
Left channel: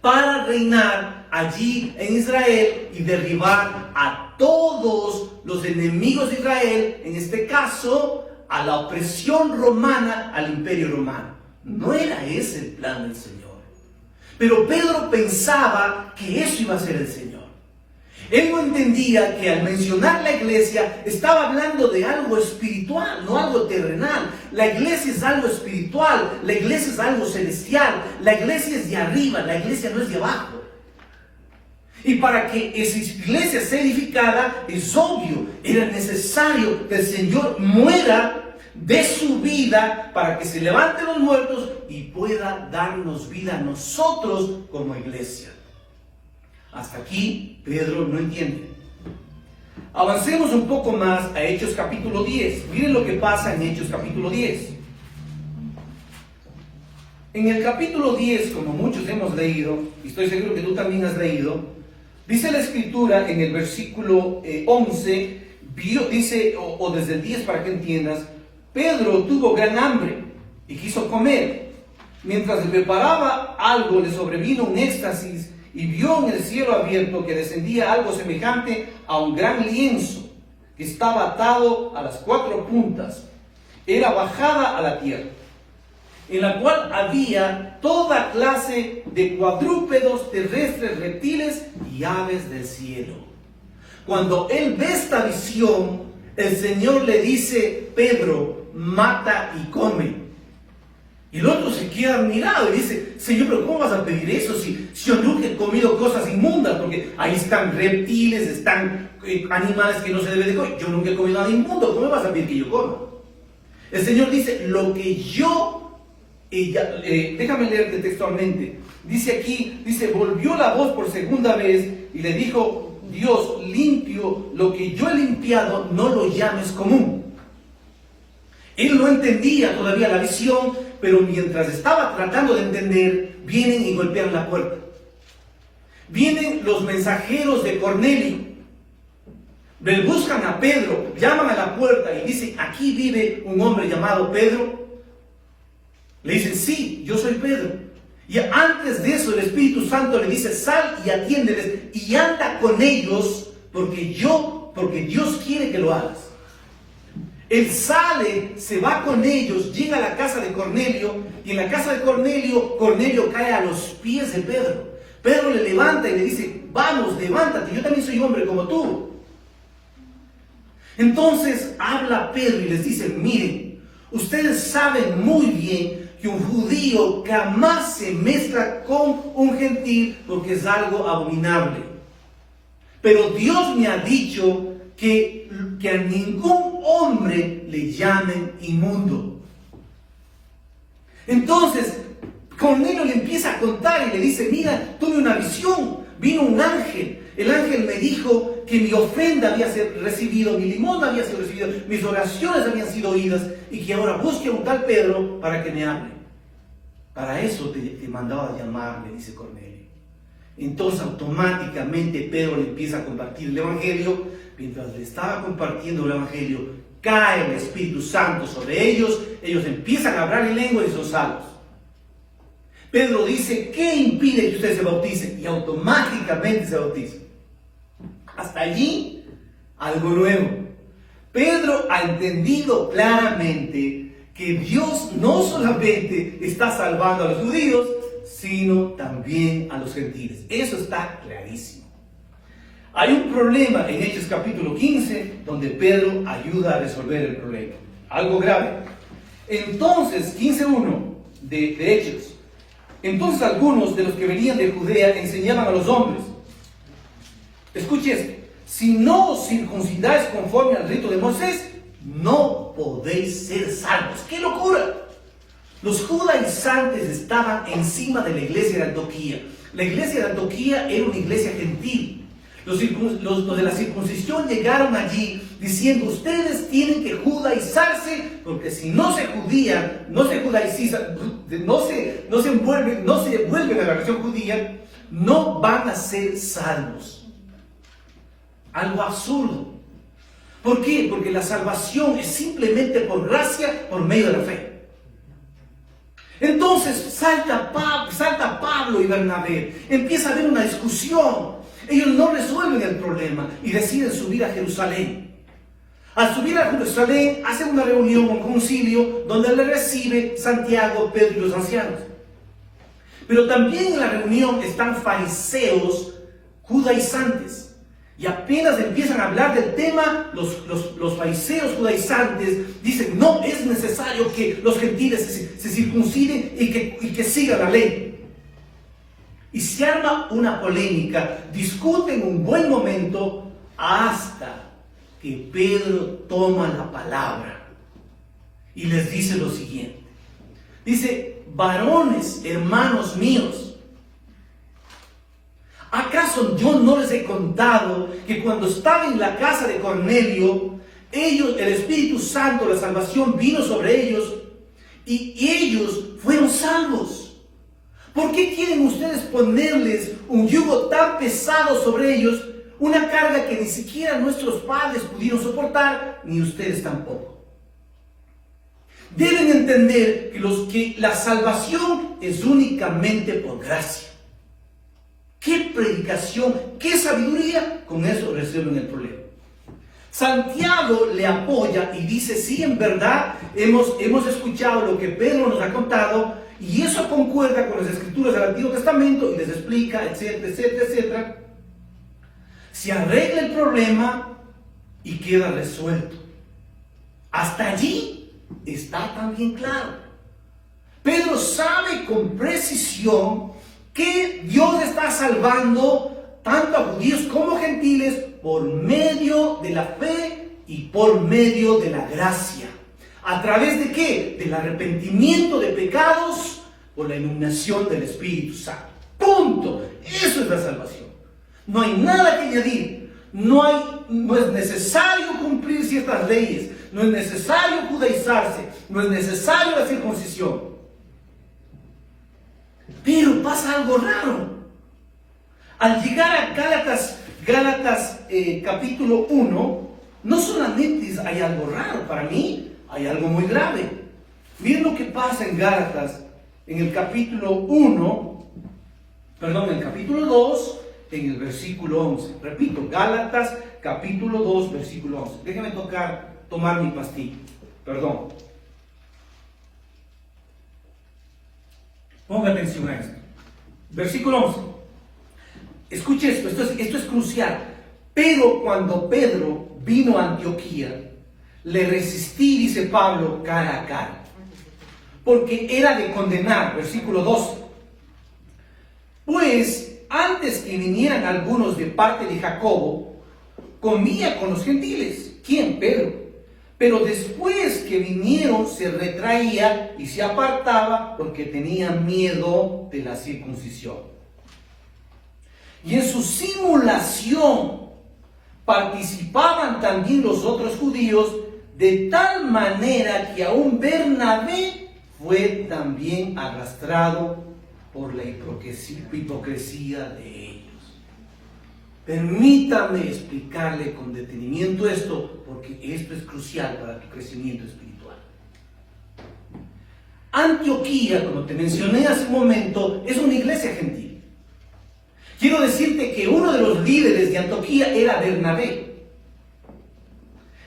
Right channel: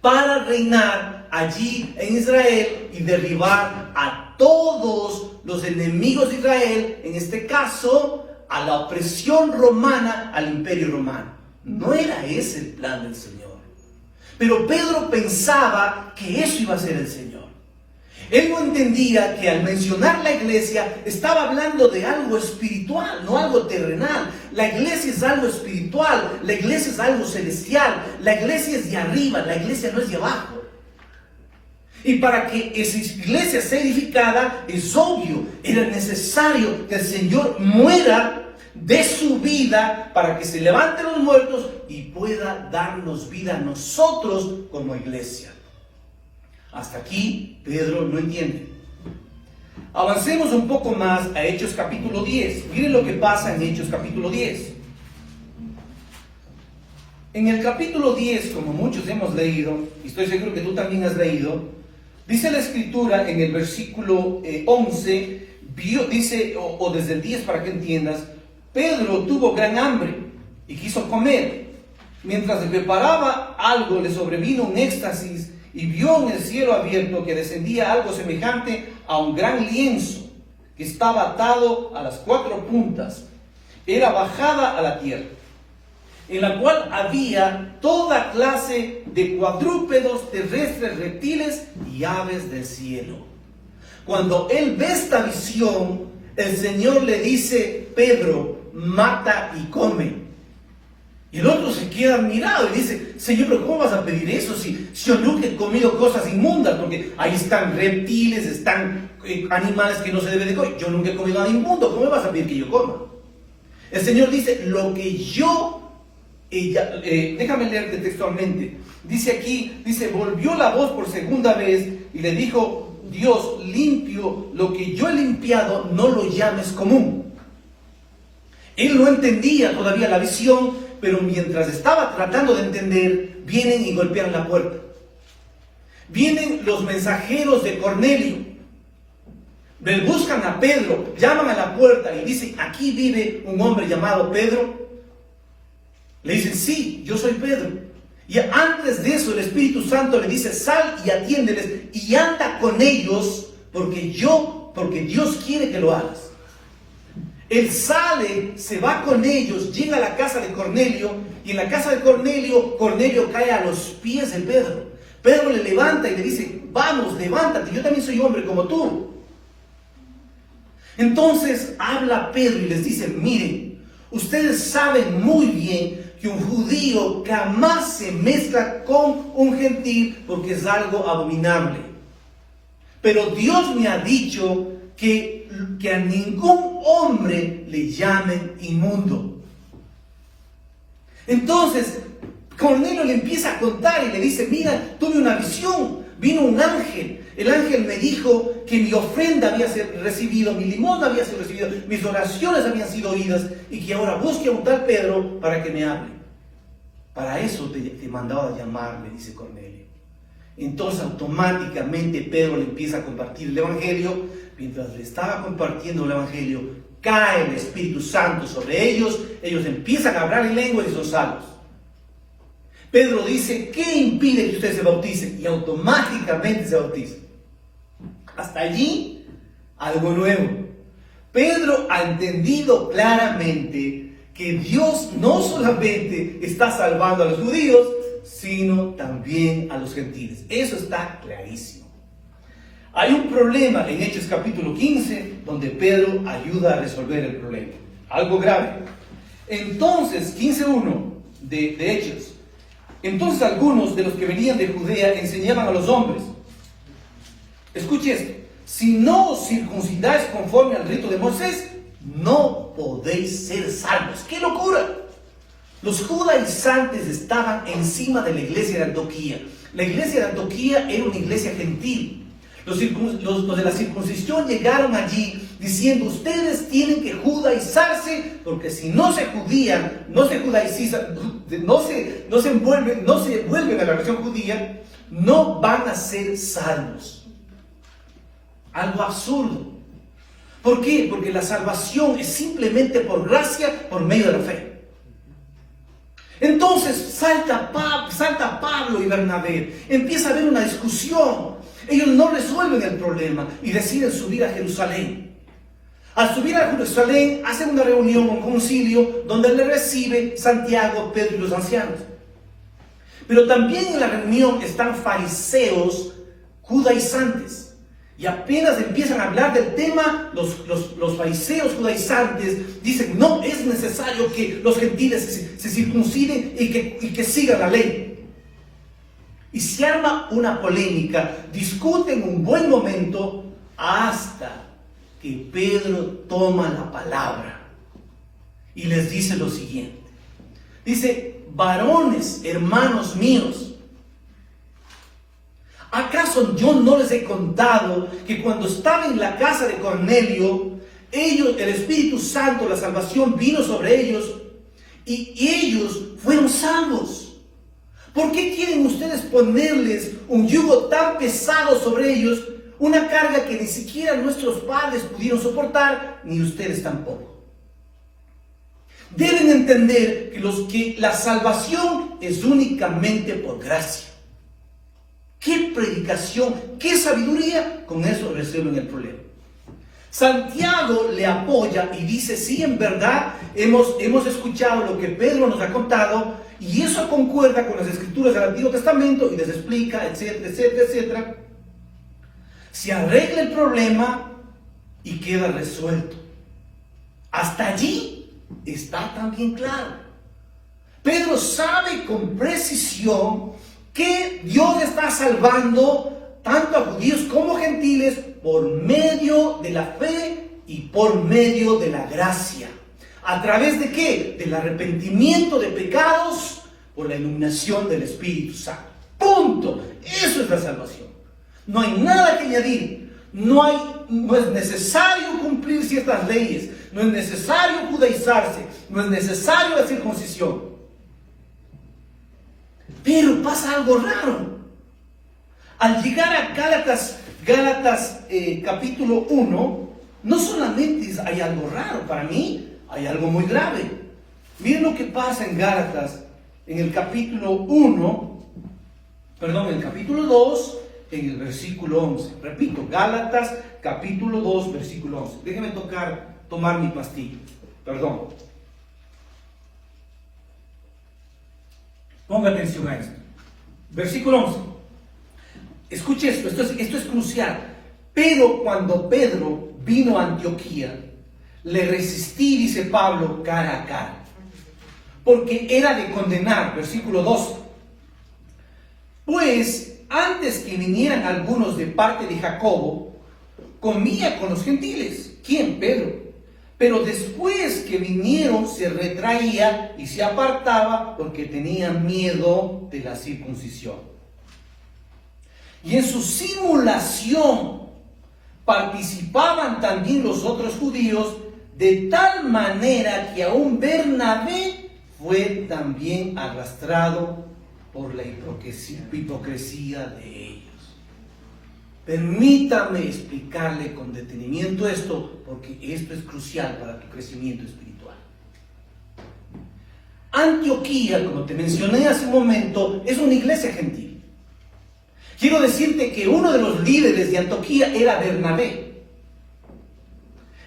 para reinar allí en Israel y derribar a todos los enemigos de Israel, en este caso a la opresión romana, al imperio romano. No era ese el plan del Señor. Pero Pedro pensaba que eso iba a ser el Señor. Él no entendía que al mencionar la iglesia estaba hablando de algo espiritual, no algo terrenal. La iglesia es algo espiritual, la iglesia es algo celestial, la iglesia es de arriba, la iglesia no es de abajo. Y para que esa iglesia sea edificada, es obvio, era necesario que el Señor muera de su vida para que se levanten los muertos y pueda darnos vida a nosotros como iglesia. Hasta aquí Pedro no entiende. Avancemos un poco más a Hechos capítulo 10. Miren lo que pasa en Hechos capítulo 10. En el capítulo 10, como muchos hemos leído, y estoy seguro que tú también has leído, dice la escritura en el versículo 11, dice, o desde el 10 para que entiendas, Pedro tuvo gran hambre y quiso comer. Mientras le preparaba algo, le sobrevino un éxtasis y vio en el cielo abierto que descendía algo semejante a un gran lienzo que estaba atado a las 4 puntas. Era bajada a la tierra, en la cual había toda clase de cuadrúpedos terrestres, reptiles y aves del cielo. Cuando él ve esta visión, el Señor le dice: Pedro, mata y come. Y el otro se queda admirado y dice: Señor, pero ¿cómo vas a pedir eso si yo nunca he comido cosas inmundas? Porque ahí están reptiles, están animales que no se deben de comer. Yo nunca he comido nada inmundo, ¿cómo me vas a pedir que yo coma? El Señor dice: lo que yo, déjame leerte textualmente, dice aquí, dice: volvió la voz por segunda vez y le dijo Dios: limpio, lo que yo he limpiado, no lo llames común. Él no entendía todavía la visión, pero mientras estaba tratando de entender, vienen y golpean la puerta. Vienen los mensajeros de Cornelio. Buscan a Pedro, llaman a la puerta y dicen: aquí vive un hombre llamado Pedro. Le dicen: sí, yo soy Pedro. Y antes de eso el Espíritu Santo le dice: sal y atiéndeles y anda con ellos, porque Dios quiere que lo hagas. Él sale, se va con ellos, llega a la casa de Cornelio, y en la casa de Cornelio, Cornelio cae a los pies de Pedro. Pedro le levanta y le dice: vamos, levántate, yo también soy hombre como tú. Entonces habla Pedro y les dice: miren, ustedes saben muy bien que un judío jamás se mezcla con un gentil porque es algo abominable. Pero Dios me ha dicho que a ningún hombre le llamen inmundo. Entonces Cornelio le empieza a contar y le dice: mira, tuve una visión, vino un ángel. El ángel me dijo que mi ofrenda había sido recibida, mi limosna había sido recibida, mis oraciones habían sido oídas, y que ahora busque a un tal Pedro para que me hable. Para eso te mandaba a llamar, le dice Cornelio. Entonces automáticamente Pedro le empieza a compartir el evangelio. Mientras le estaba compartiendo el evangelio, cae el Espíritu Santo sobre ellos. Ellos empiezan a hablar en lengua y son salvos. Pedro dice: ¿qué impide que ustedes se bauticen? Y automáticamente se bautizan. Hasta allí, algo nuevo. Pedro ha entendido claramente que Dios no solamente está salvando a los judíos, sino también a los gentiles. Eso está clarísimo. Hay un problema en Hechos capítulo 15, donde Pedro ayuda a resolver el problema. Algo grave. Entonces, 15:1 de Hechos. Entonces algunos de los que venían de Judea enseñaban a los hombres. Escuche esto. Si no os circuncidáis conforme al rito de Moisés, no podéis ser salvos. ¡Qué locura! Los judaizantes estaban encima de la iglesia de Antioquía. La iglesia de Antioquía era una iglesia gentil. Los de la circuncisión llegaron allí diciendo: ustedes tienen que judaizarse, porque si no se judían, no se judaizan, no se vuelven a la religión judía, no van a ser salvos. Algo absurdo. ¿Por qué? Porque la salvación es simplemente por gracia, por medio de la fe. Entonces salta Pablo y Bernabé. Empieza a haber una discusión. Ellos no resuelven el problema y deciden subir a Jerusalén. Al subir a Jerusalén, hacen una reunión, un concilio, donde le recibe Santiago, Pedro y los ancianos. Pero también en la reunión están fariseos judaizantes. Y apenas empiezan a hablar del tema, los fariseos judaizantes dicen: no, es necesario que los gentiles se circunciden y que sigan la ley. Y se arma una polémica, discuten un buen momento, hasta que Pedro toma la palabra y les dice lo siguiente. Dice: varones, hermanos míos, ¿acaso yo no les he contado que cuando estaba en la casa de Cornelio, el Espíritu Santo, la salvación vino sobre ellos y ellos fueron salvos? ¿Por qué quieren ustedes ponerles un yugo tan pesado sobre ellos, una carga que ni siquiera nuestros padres pudieron soportar, ni ustedes tampoco? Deben entender que la salvación es únicamente por gracia. ¡Qué predicación! ¡Qué sabiduría! Con eso resuelven el problema. Santiago le apoya y dice: sí, en verdad hemos escuchado lo que Pedro nos ha contado y eso concuerda con las escrituras del Antiguo Testamento, y les explica, etcétera, etcétera, etcétera. Se arregla el problema y queda resuelto. Hasta allí está también claro. Pedro sabe con precisión que Dios está salvando tanto a judíos como gentiles por medio de la fe y por medio de la gracia. ¿A través de qué? Del arrepentimiento de pecados por la iluminación del Espíritu Santo. Punto. Eso es la salvación. No hay nada que añadir. No es necesario cumplir ciertas leyes. No es necesario judaizarse. No es necesario la circuncisión. Pero pasa algo raro. Al llegar a Gálatas capítulo 1, no solamente hay algo raro, para mí hay algo muy grave. Miren lo que pasa en Gálatas, en el capítulo 2, en el versículo 11. Repito, Gálatas capítulo 2, versículo 11. Déjenme tomar mi pastilla. Perdón. Ponga atención a esto. Versículo 11. Escuche esto es crucial. Pero cuando Pedro vino a Antioquía, le resistí, dice Pablo, cara a cara, porque era de condenar. Versículo 12. Pues antes que vinieran algunos de parte de Jacobo, comía con los gentiles. ¿Quién? Pedro. Pero después que vinieron, se retraía y se apartaba porque tenía miedo de la circuncisión. Y en su simulación participaban también los otros judíos, de tal manera que aún Bernabé fue también arrastrado por la hipocresía de ellos. Permítame explicarle con detenimiento esto, porque esto es crucial para tu crecimiento espiritual. Antioquía, como te mencioné hace un momento, es una iglesia gentil. Quiero decirte que uno de los líderes de Antioquía era Bernabé.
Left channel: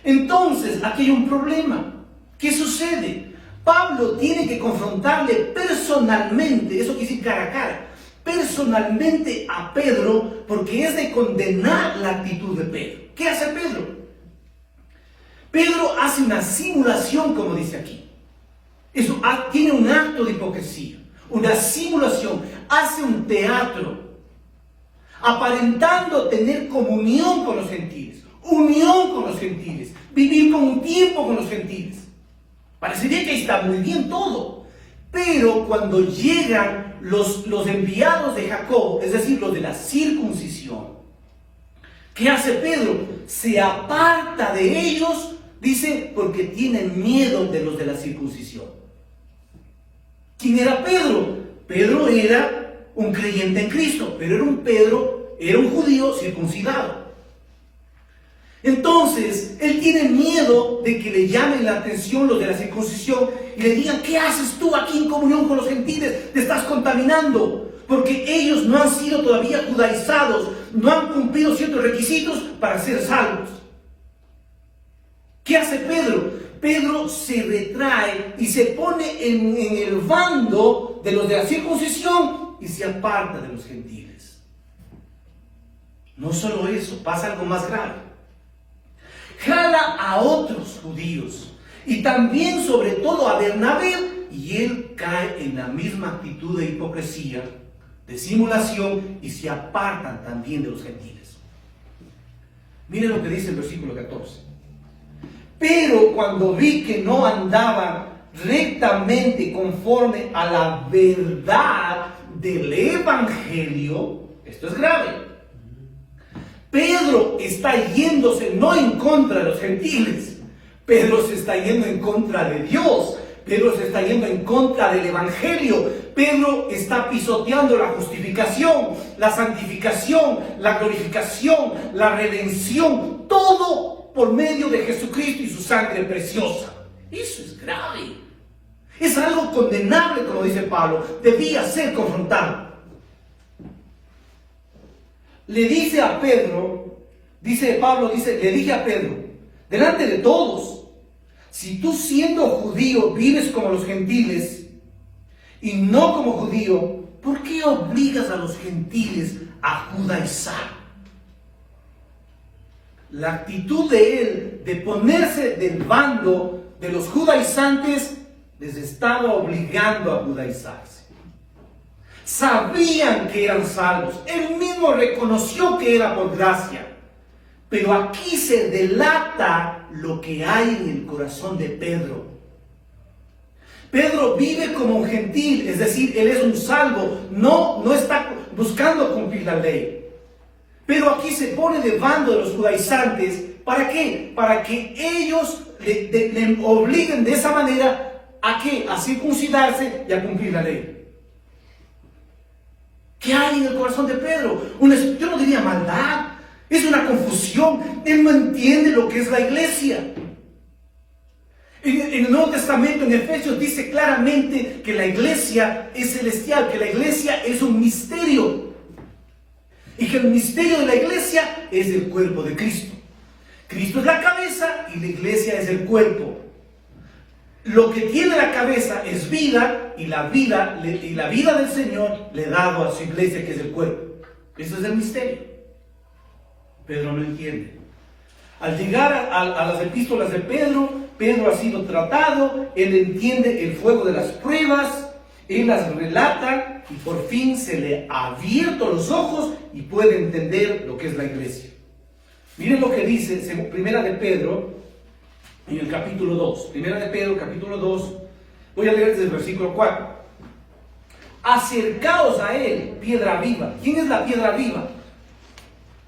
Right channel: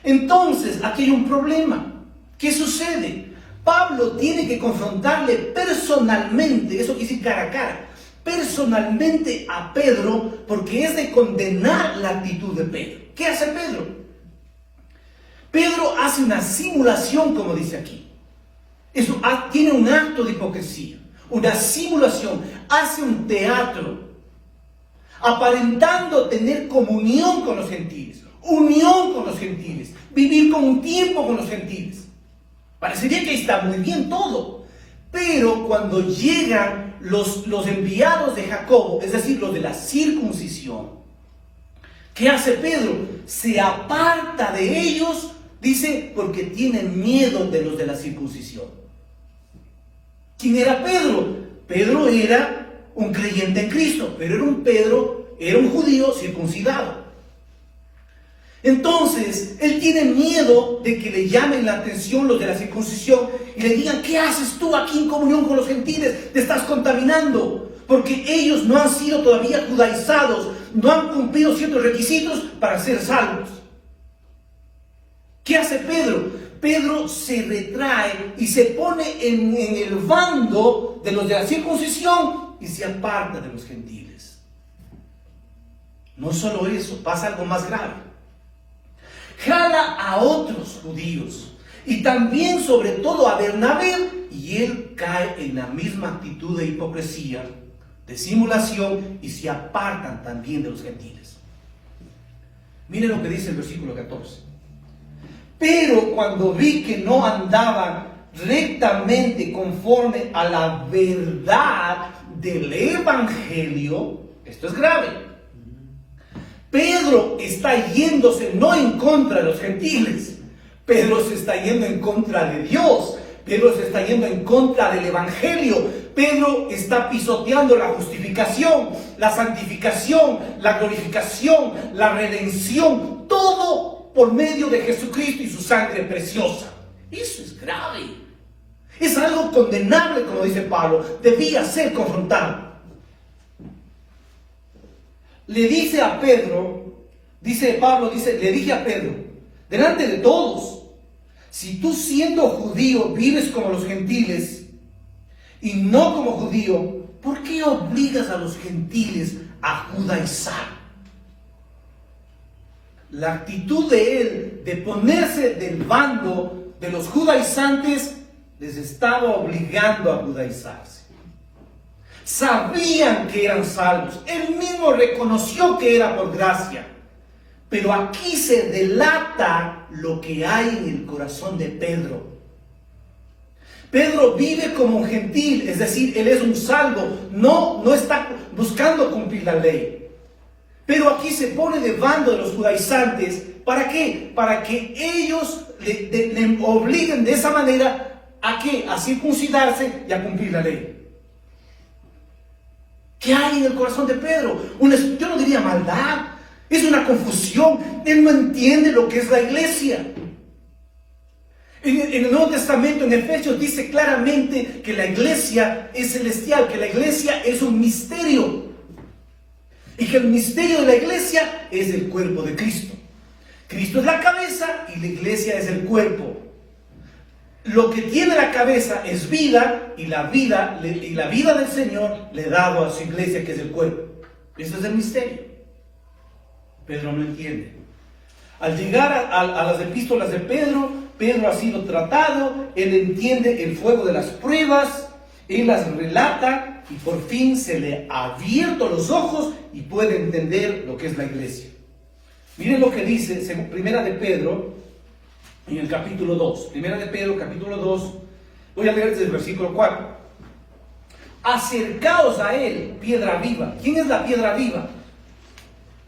Entonces, aquí hay un problema. ¿Qué sucede? Pablo tiene que confrontarle personalmente, eso quiere decir cara a cara, personalmente a Pedro, porque es de condenar la actitud de Pedro. ¿Qué hace Pedro? Pedro hace una simulación, como dice aquí. Eso tiene un acto de hipocresía, una simulación, hace un teatro, aparentando tener comunión con los gentiles, unión con los gentiles, vivir como un tiempo con los gentiles. Parecería que está muy bien todo, pero cuando llegan los enviados de Jacobo, es decir, los de la circuncisión, ¿qué hace Pedro? Se aparta de ellos, dice, porque tienen miedo de los de la circuncisión. ¿Quién era Pedro? Pedro era un creyente en Cristo, pero era un judío circuncidado. Entonces, él tiene miedo de que le llamen la atención los de la circuncisión y le digan, ¿qué haces tú aquí en comunión con los gentiles? Te estás contaminando, porque ellos no han sido todavía judaizados, no han cumplido ciertos requisitos para ser salvos. ¿Qué hace Pedro? Pedro se retrae y se pone en el bando de los de la circuncisión y se aparta de los gentiles. No solo eso, pasa algo más grave. Jala a otros judíos y también sobre todo a Bernabé, y él cae en la misma actitud de hipocresía, de simulación, y se apartan también de los gentiles. Miren lo que dice el versículo 14. Pero cuando vi que no andaban rectamente conforme a la verdad del evangelio, esto es grave. Pedro está yéndose no en contra de los gentiles, Pedro se está yendo en contra de Dios, Pedro se está yendo en contra del evangelio, Pedro está pisoteando la justificación, la santificación, la glorificación, la redención, todo por medio de Jesucristo y su sangre preciosa. Eso es grave, es algo condenable, como dice Pablo, debía ser confrontado. Le dice a Pedro, le dije a Pedro, delante de todos, si tú siendo judío vives como los gentiles y no como judío, ¿por qué obligas a los gentiles a judaizar? La actitud de él de ponerse del bando de los judaizantes les estaba obligando a judaizarse. Sabían que eran salvos. Él mismo reconoció que era por gracia. Pero aquí se delata lo que hay en el corazón de Pedro. Pedro vive como un gentil, es decir, él es un salvo, no está buscando cumplir la ley. Pero aquí se pone de bando de los judaizantes. ¿Para qué? Para que ellos le obliguen de esa manera a ¿qué? A circuncidarse y a cumplir la ley. ¿Qué hay en el corazón de Pedro? Yo no diría maldad, es una confusión. Él no entiende lo que es la iglesia. En el Nuevo Testamento, en Efesios, dice claramente que la iglesia es celestial, que la iglesia es un misterio. Y que el misterio de la iglesia es el cuerpo de Cristo. Cristo es la cabeza y la iglesia es el cuerpo. Lo que tiene la cabeza es vida, y la vida del Señor le ha dado a su iglesia, que es el cuerpo. Eso es el misterio. Pedro no entiende. Al llegar a las epístolas de Pedro, Pedro ha sido tratado, él entiende el fuego de las pruebas, él las relata y por fin se le ha abierto los ojos y puede entender lo que es la iglesia. Miren lo que dice Primera de Pedro, en el capítulo 2. Primera de Pedro, capítulo 2. Voy a leer desde el versículo 4. Acercaos a él, piedra viva. ¿Quién es la piedra viva?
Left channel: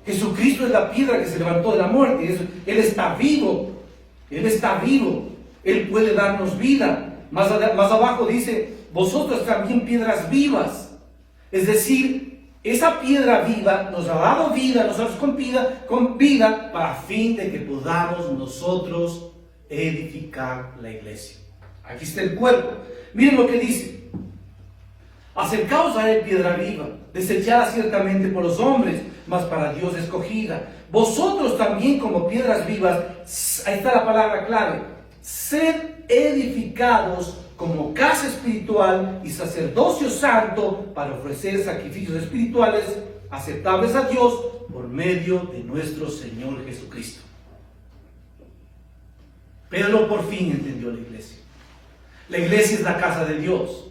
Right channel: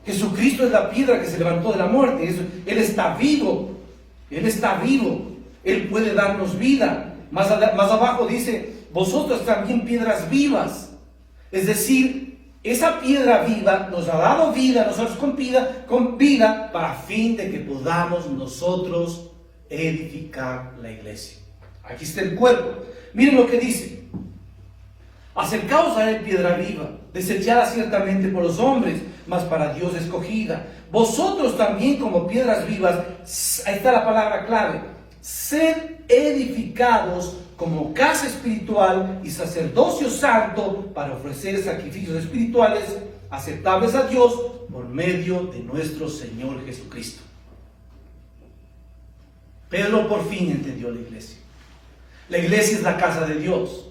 Jesucristo es la piedra que se levantó de la muerte. Él está vivo. Él está vivo. Él puede darnos vida. Más abajo dice, vosotros también piedras vivas. Es decir, esa piedra viva nos ha dado vida, nosotros con vida, para fin de que podamos nosotros edificar la iglesia. Aquí está el cuerpo. Miren lo que dice. Acercaos a él, piedra viva, desechada ciertamente por los hombres, mas para Dios escogida. Vosotros también como piedras vivas, ahí está la palabra clave, sed edificados como casa espiritual y sacerdocio santo para ofrecer sacrificios espirituales aceptables a Dios por medio de nuestro Señor Jesucristo. Pedro por fin entendió la iglesia. La iglesia es la casa de Dios.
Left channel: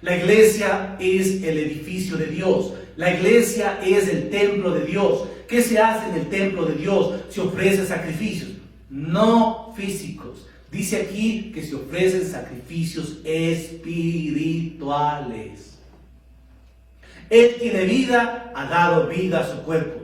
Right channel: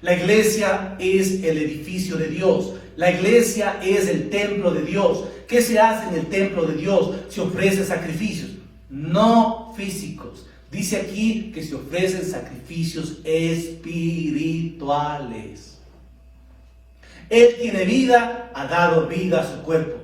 La iglesia es el edificio de Dios. La iglesia es el templo de Dios. ¿Qué se hace en el templo de Dios? Se ofrecen sacrificios, no físicos. Dice aquí que se ofrecen sacrificios espirituales. Él tiene vida, ha dado vida a su cuerpo.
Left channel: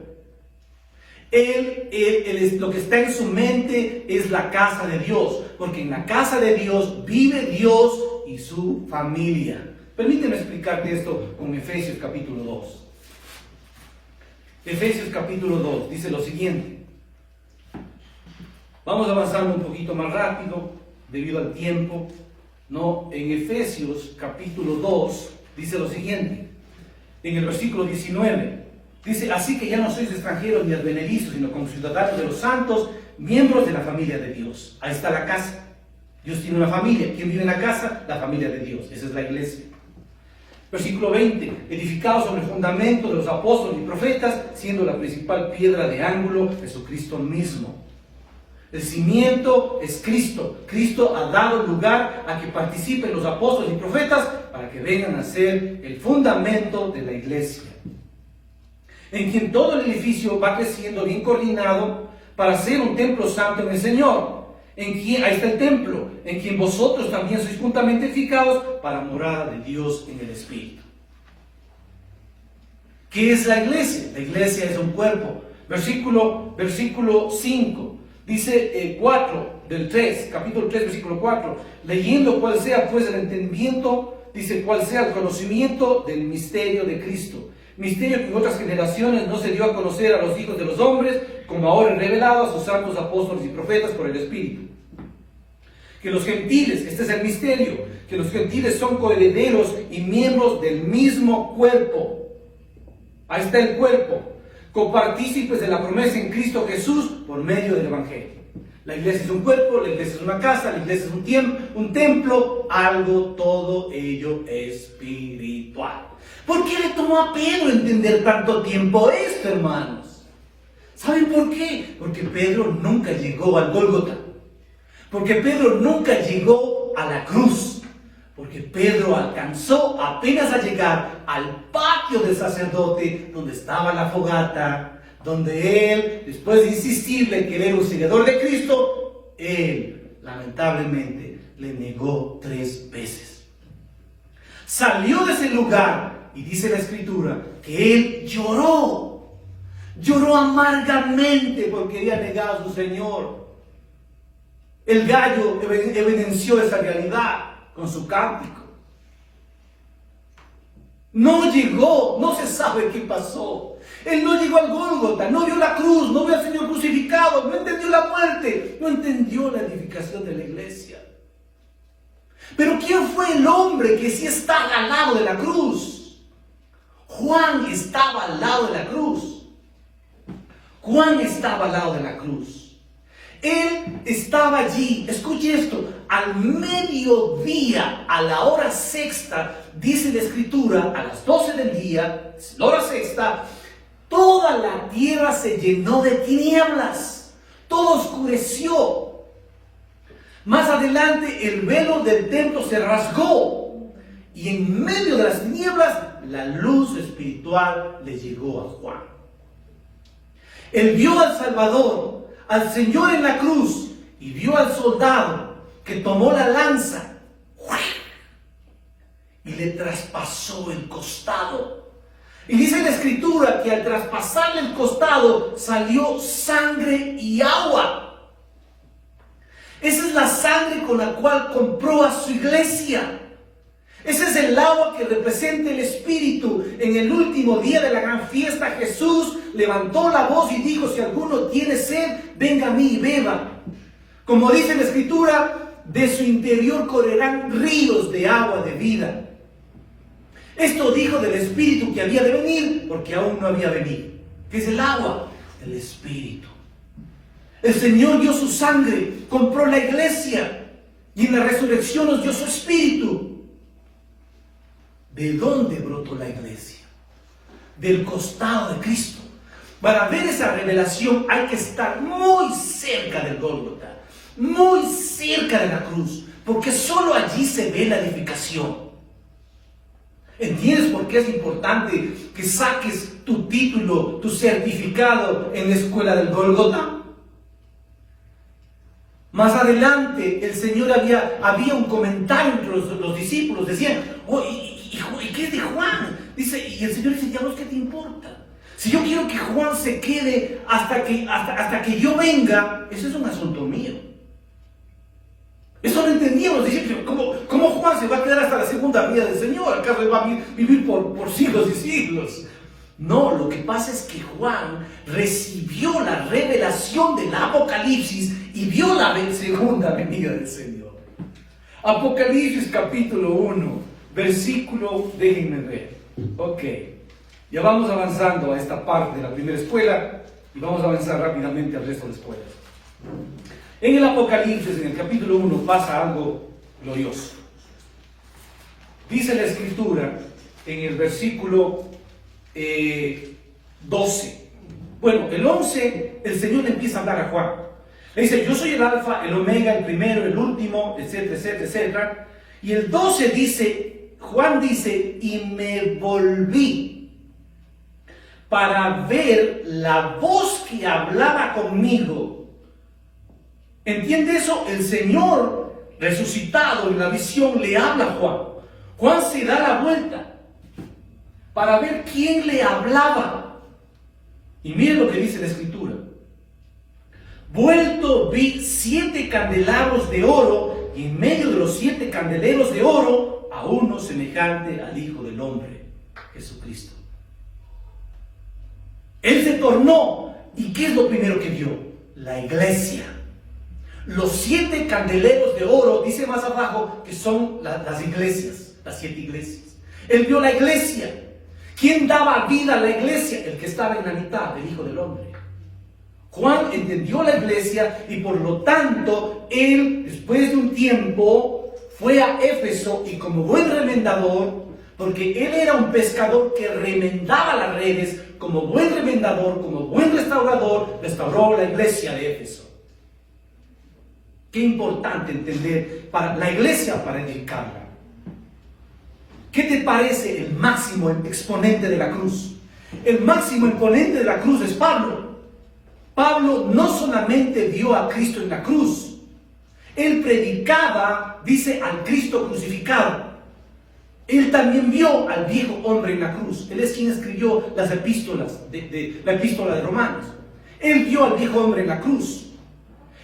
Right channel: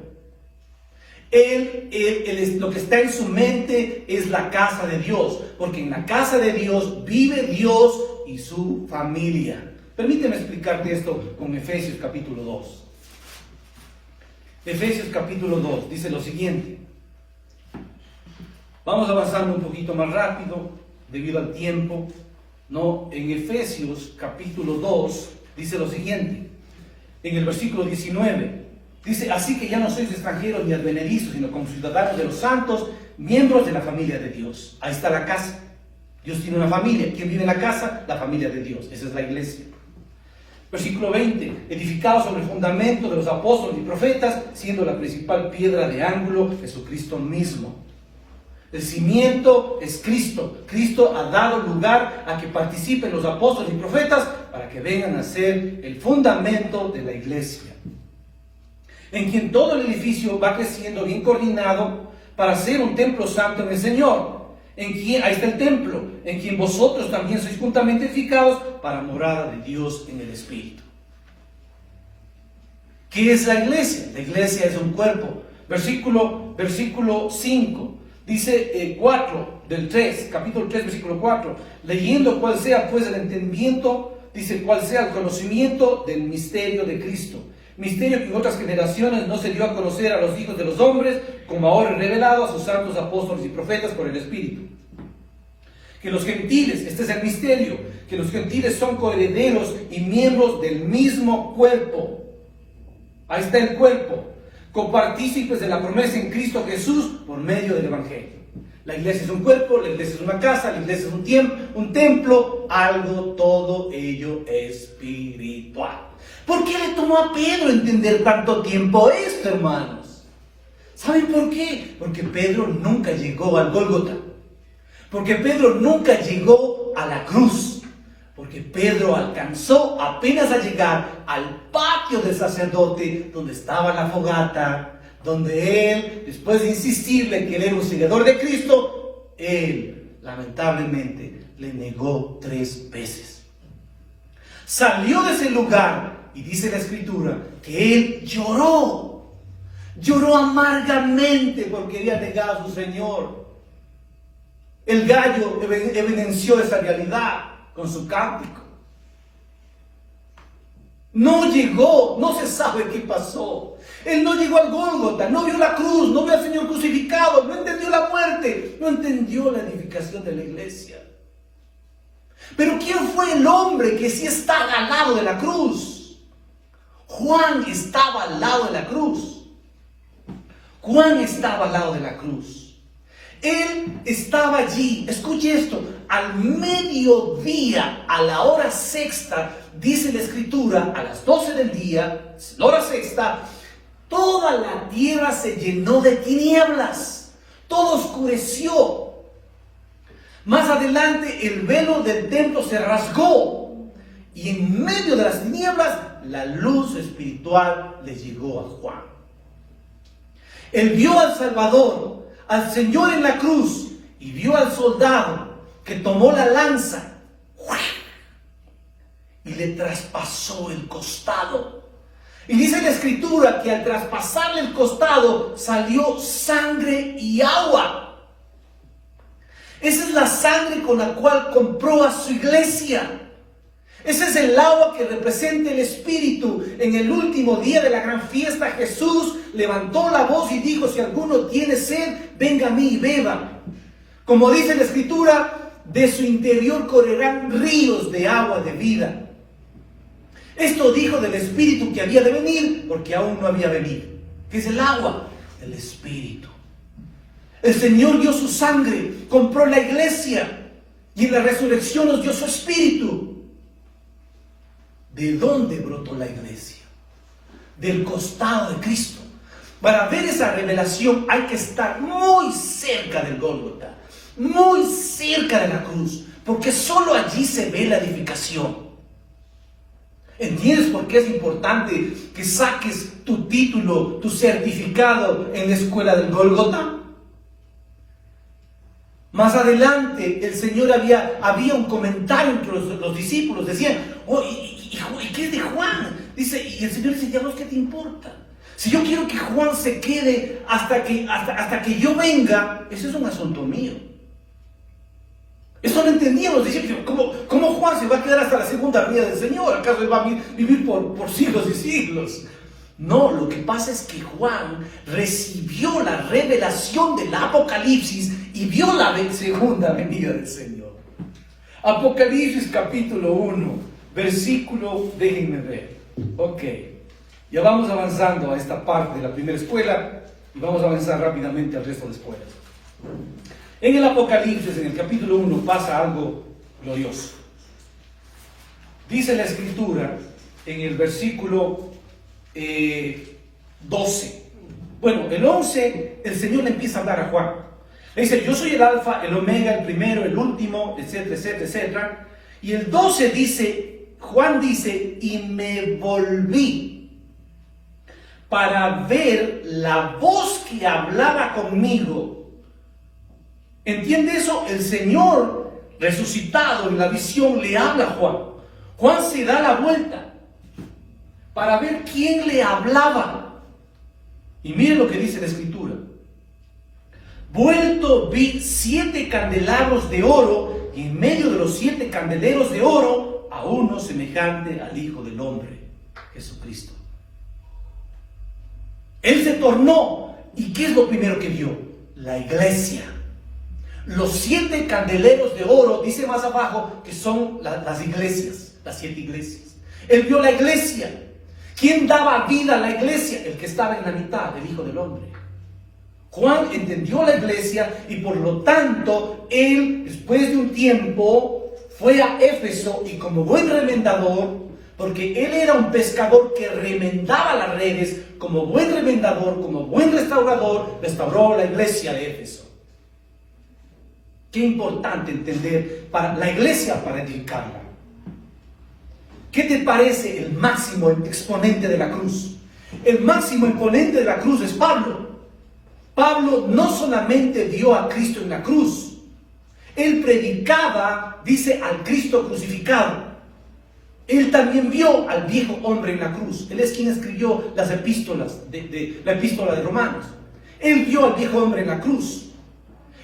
Lo que está en su mente es la casa de Dios, porque en la casa de Dios vive Dios y su familia. Permíteme explicarte esto con Efesios capítulo 2. Efesios capítulo 2 dice lo siguiente. Vamos avanzando un poquito más rápido debido al tiempo. No, en Efesios capítulo 2 dice lo siguiente. En el versículo 19 dice: así que ya no sois extranjeros ni advenedizos, sino como ciudadanos de los santos, miembros de la familia de Dios. Ahí está la casa. Dios tiene una familia. ¿Quién vive en la casa? La familia de Dios. Esa es la iglesia. Versículo 20, edificados sobre el fundamento de los apóstoles y profetas, siendo la principal piedra de ángulo Jesucristo mismo. El cimiento es Cristo. Cristo ha dado lugar a que participen los apóstoles y profetas para que vengan a ser el fundamento de la iglesia, en quien todo el edificio va creciendo bien coordinado para ser un templo santo en el Señor. Ahí está el templo, en quien vosotros también sois juntamente edificados para morada de Dios en el Espíritu. ¿Qué es la iglesia? La iglesia es un cuerpo. Versículo 5, dice 4 del 3, capítulo 3, versículo 4, leyendo cuál sea pues el entendimiento, dice cuál sea el conocimiento del misterio de Cristo. Misterio que en otras generaciones no se dio a conocer a los hijos de los hombres, como ahora es revelado a sus santos apóstoles y profetas por el Espíritu. Que los gentiles, este es el misterio, que los gentiles son coherederos y miembros del mismo cuerpo. Ahí está el cuerpo, copartícipes de la promesa en Cristo Jesús por medio del Evangelio. La iglesia es un cuerpo, la iglesia es una casa, la iglesia es un templo, algo, todo ello espiritual. ¿Por qué le tomó a Pedro entender tanto tiempo esto, hermanos? ¿Saben por qué? Porque Pedro nunca llegó al Gólgota. Porque Pedro nunca llegó a la cruz. Porque Pedro alcanzó apenas a llegar al patio del sacerdote, donde estaba la fogata, donde él, después de insistirle que él era un seguidor de Cristo, él, lamentablemente, le negó 3 veces. Salió de ese lugar. Y dice la Escritura que él lloró amargamente porque había negado a su Señor. El gallo evidenció esa realidad con su cántico. No llegó, no se sabe qué pasó. Él no llegó al Gólgota, no vio la cruz, no vio al Señor crucificado, no entendió la muerte, no entendió la edificación de la iglesia. Pero ¿quién fue el hombre que sí está al lado de la cruz? Juan estaba al lado de la cruz. Juan estaba al lado de la cruz. Él estaba allí, escuche esto, al mediodía, a la hora sexta, dice la Escritura, a las 12 del día, la hora sexta, toda la tierra se llenó de tinieblas, todo oscureció. Más adelante el velo del templo se rasgó y en medio de las tinieblas la luz espiritual le llegó a Juan. Él vio al Salvador, al Señor en la cruz, y vio al soldado que tomó la lanza y le traspasó el costado. Y dice la Escritura que al traspasarle el costado salió sangre y agua. Esa es la sangre con la cual compró a su iglesia. Ese es el agua que representa el Espíritu. En el último día de la gran fiesta, Jesús levantó la voz y dijo: si alguno tiene sed, venga a mí y beba. Como dice la Escritura, de su interior correrán ríos de agua de vida. Esto dijo del Espíritu que había de venir, porque aún no había venido. ¿Qué es el agua? El Espíritu. El Señor dio su sangre, compró la iglesia y en la resurrección nos dio su Espíritu. ¿De dónde brotó la iglesia? Del costado de Cristo. Para ver esa revelación hay que estar muy cerca del Gólgota, muy cerca de la cruz, porque solo allí se ve la edificación. ¿Entiendes por qué es importante que saques tu título, tu certificado en la escuela del Gólgota? Más adelante el Señor había un comentario entre los discípulos, decían, oh, ¿y qué de Juan? Dice, y el Señor dice, ya no, ¿qué te importa? Si yo quiero que Juan se quede hasta que yo venga, eso es un asunto mío. Eso no entendíamos, decir, ¿cómo Juan se va a quedar hasta la segunda venida del Señor? ¿Acaso él va a vivir por siglos y siglos? No, lo que pasa es que Juan recibió la revelación del Apocalipsis y vio la segunda venida del Señor. Apocalipsis capítulo 1, versículo, déjenme ver. Ok, ya vamos avanzando a esta parte de la primera escuela y vamos a avanzar rápidamente al resto de escuelas. En el Apocalipsis, en el capítulo 1, pasa algo glorioso. Dice la Escritura en el versículo 12. Bueno, el 11, el Señor le empieza a hablar a Juan. Le dice, yo soy el alfa, el omega, el primero, el último, etcétera, etcétera, etcétera. Y el 12 dice, Juan dice, y me volví para ver la voz que hablaba conmigo. ¿Entiende eso? El Señor resucitado en la visión le habla a Juan. Juan se da la vuelta para ver quién le hablaba. Y miren lo que dice la Escritura. Vuelto vi 7 candelabros de oro, y en medio de los 7 candeleros de oro, a uno semejante al Hijo del Hombre, Jesucristo. Él se tornó, ¿y qué es lo primero que vio? La iglesia. Los 7 candeleros de oro, dice más abajo, que son las iglesias, las 7 iglesias. Él vio la iglesia. ¿Quién daba vida a la iglesia? El que estaba en la mitad, el Hijo del Hombre. Juan entendió la iglesia y por lo tanto, él, después de un tiempo, fue a Éfeso y como buen remendador, porque él era un pescador que remendaba las redes, como buen remendador, como buen restaurador, restauró la iglesia de Éfeso. Qué importante entender para la iglesia, para edificarla. ¿Qué te parece el máximo exponente de la cruz? El máximo exponente de la cruz es Pablo. Pablo no solamente vio a Cristo en la cruz, él predicaba, dice, al Cristo crucificado. Él también vio al viejo hombre en la cruz. Él es quien escribió las epístolas, la epístola de Romanos. Él vio al viejo hombre en la cruz.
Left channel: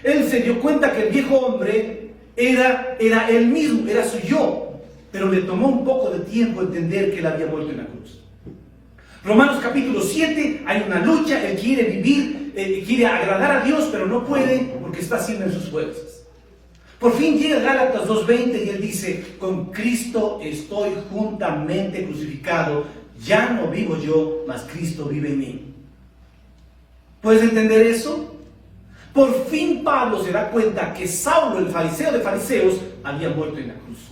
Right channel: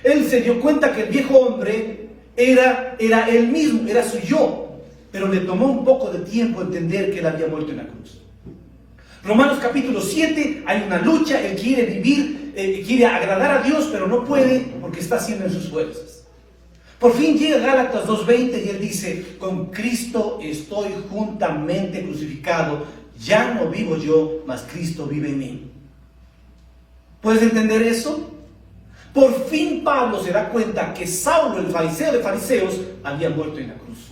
Él se dio cuenta que el viejo hombre era él mismo, era su yo. Pero le tomó un poco de tiempo entender que él había muerto en la cruz. Romanos capítulo 7, hay una lucha, él quiere vivir, quiere agradar a Dios, pero no puede porque está sin en sus fuerzas. Por fin llega Gálatas 2:20 y él dice, con Cristo estoy juntamente crucificado, ya no vivo yo, mas Cristo vive en mí. ¿Puedes entender eso? Por fin Pablo se da cuenta que Saulo, el fariseo de fariseos, había muerto en la cruz.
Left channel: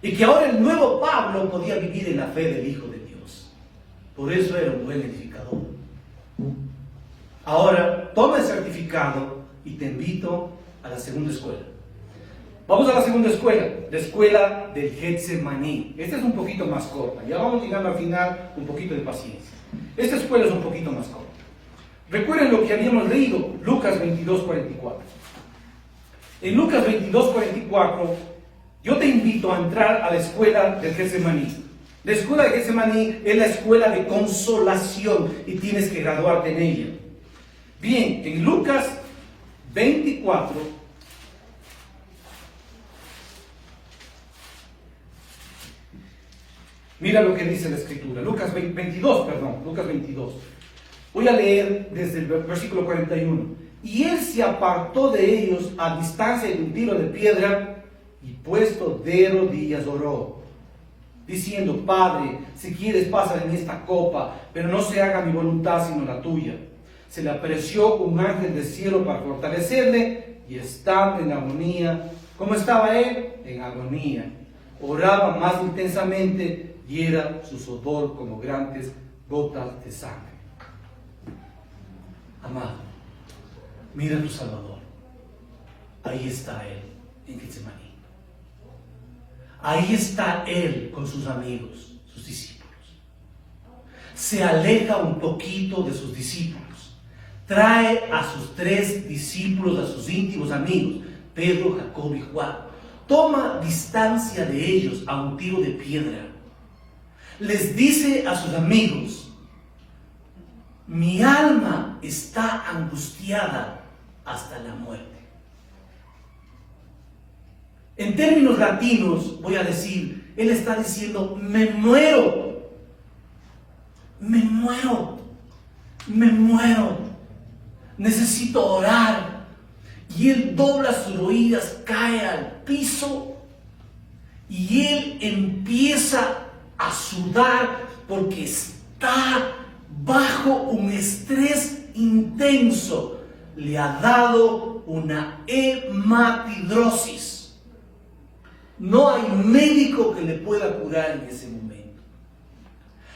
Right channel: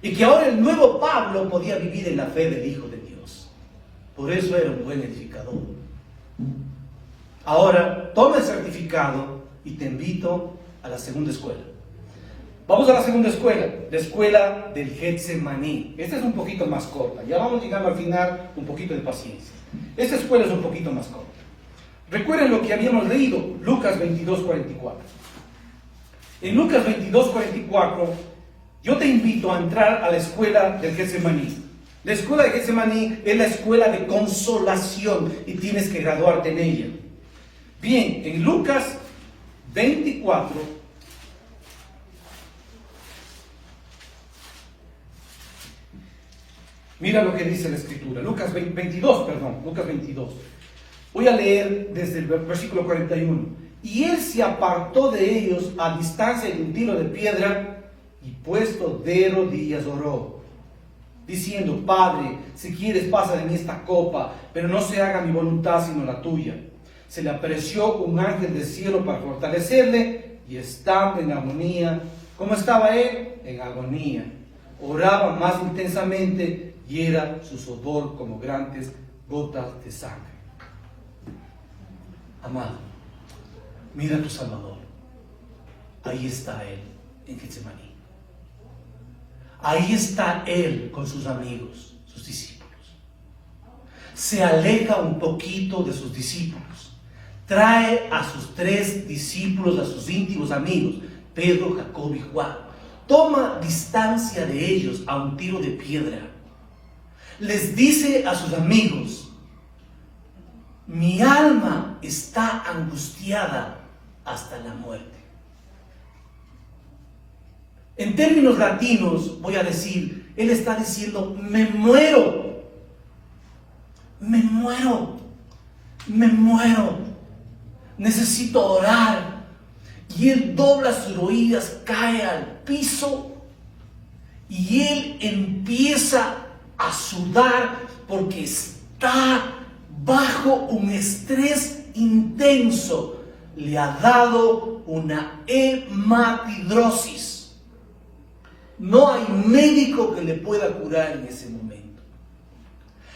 Y que ahora el nuevo Pablo podía vivir en la fe del Hijo de Dios. Por eso era un buen edificador. Ahora, toma el certificado y te invito a la segunda escuela. Vamos a la segunda escuela, la escuela del Getsemaní. Esta es un poquito más corta. Ya vamos llegando al final, un poquito de paciencia. Esta escuela es un poquito más corta. Recuerden lo que habíamos leído, Lucas 22:44. En Lucas 22:44, yo te invito a entrar a la escuela del Getsemaní. La escuela de Getsemaní es la escuela de consolación y tienes que graduarte en ella. Bien, en Lucas 24, mira lo que dice la Escritura. Lucas 22. Voy a leer desde el versículo 41. Y él se apartó de ellos a distancia de un tiro de piedra y puesto de rodillas oró. diciendo: Padre, si quieres pasa de mí esta copa, pero no se haga mi voluntad sino la tuya. Se le apareció un ángel del cielo para fortalecerle, y estaba en agonía. ¿Cómo estaba él? En agonía. Oraba más intensamente y era su sudor como grandes gotas de sangre. Amado, mira a tu Salvador. Ahí está él en Getsemaní. Ahí está él con sus amigos, sus discípulos. Se aleja un poquito de sus discípulos. Trae a sus 3 discípulos, a sus íntimos amigos, Pedro, Jacobo y Juan. Toma distancia de ellos a un tiro de piedra. Les dice a sus amigos: mi alma está angustiada hasta la muerte. En términos latinos voy a decir, él está diciendo: me muero, me muero, me muero, necesito orar. Y él dobla sus rodillas, cae al piso y él empieza a sudar porque está bajo un estrés intenso. Le ha dado una hematidrosis. No hay médico que le pueda curar en ese momento.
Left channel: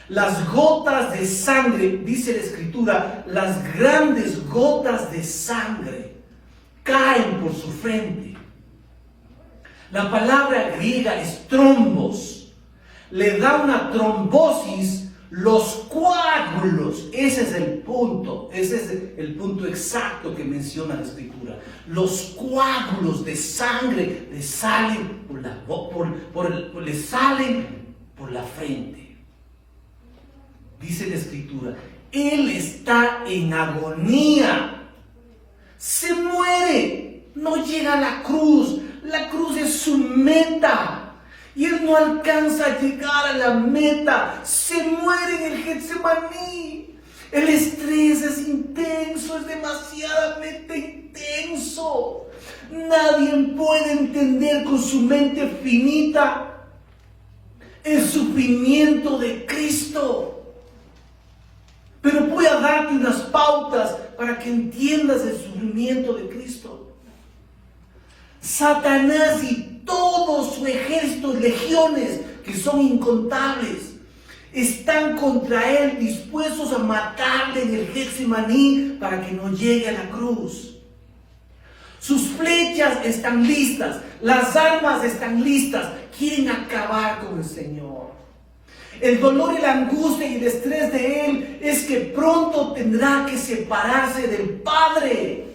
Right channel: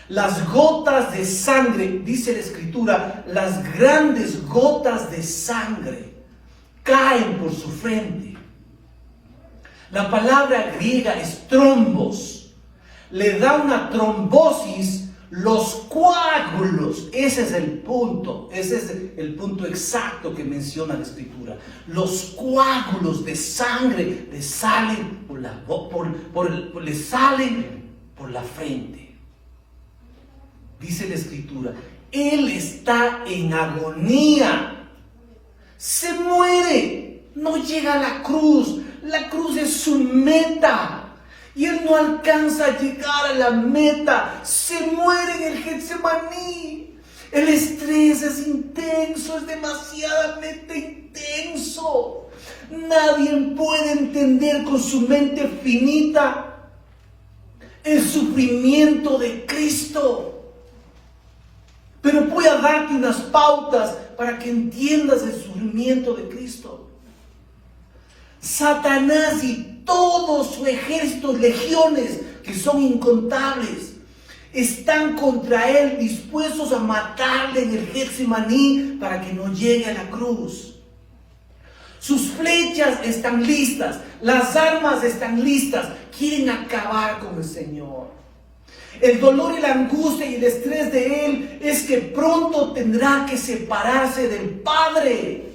Las gotas de sangre, dice la Escritura, las grandes gotas de sangre caen por su frente. La palabra griega es trombos. Le da una trombosis los coágulos. Ese es el punto exacto que menciona la Escritura. Los coágulos de sangre le salen le salen por la frente. Dice la Escritura, él está en agonía. Se muere, no llega a la cruz es su meta, y él no alcanza a llegar a la meta, se muere en el Getsemaní. El estrés es intenso, es demasiadamente intenso. Nadie puede entender con su mente finita el sufrimiento de Cristo. Pero voy a darte unas pautas para que entiendas el sufrimiento de Cristo. Satanás y todo su ejército, legiones, que son incontables, están contra él, dispuestos a matarle en el Getsemaní para que no llegue a la cruz. Sus flechas están listas, las armas están listas, quieren acabar con el Señor. El dolor y la angustia y el estrés de él es que pronto tendrá que separarse del Padre.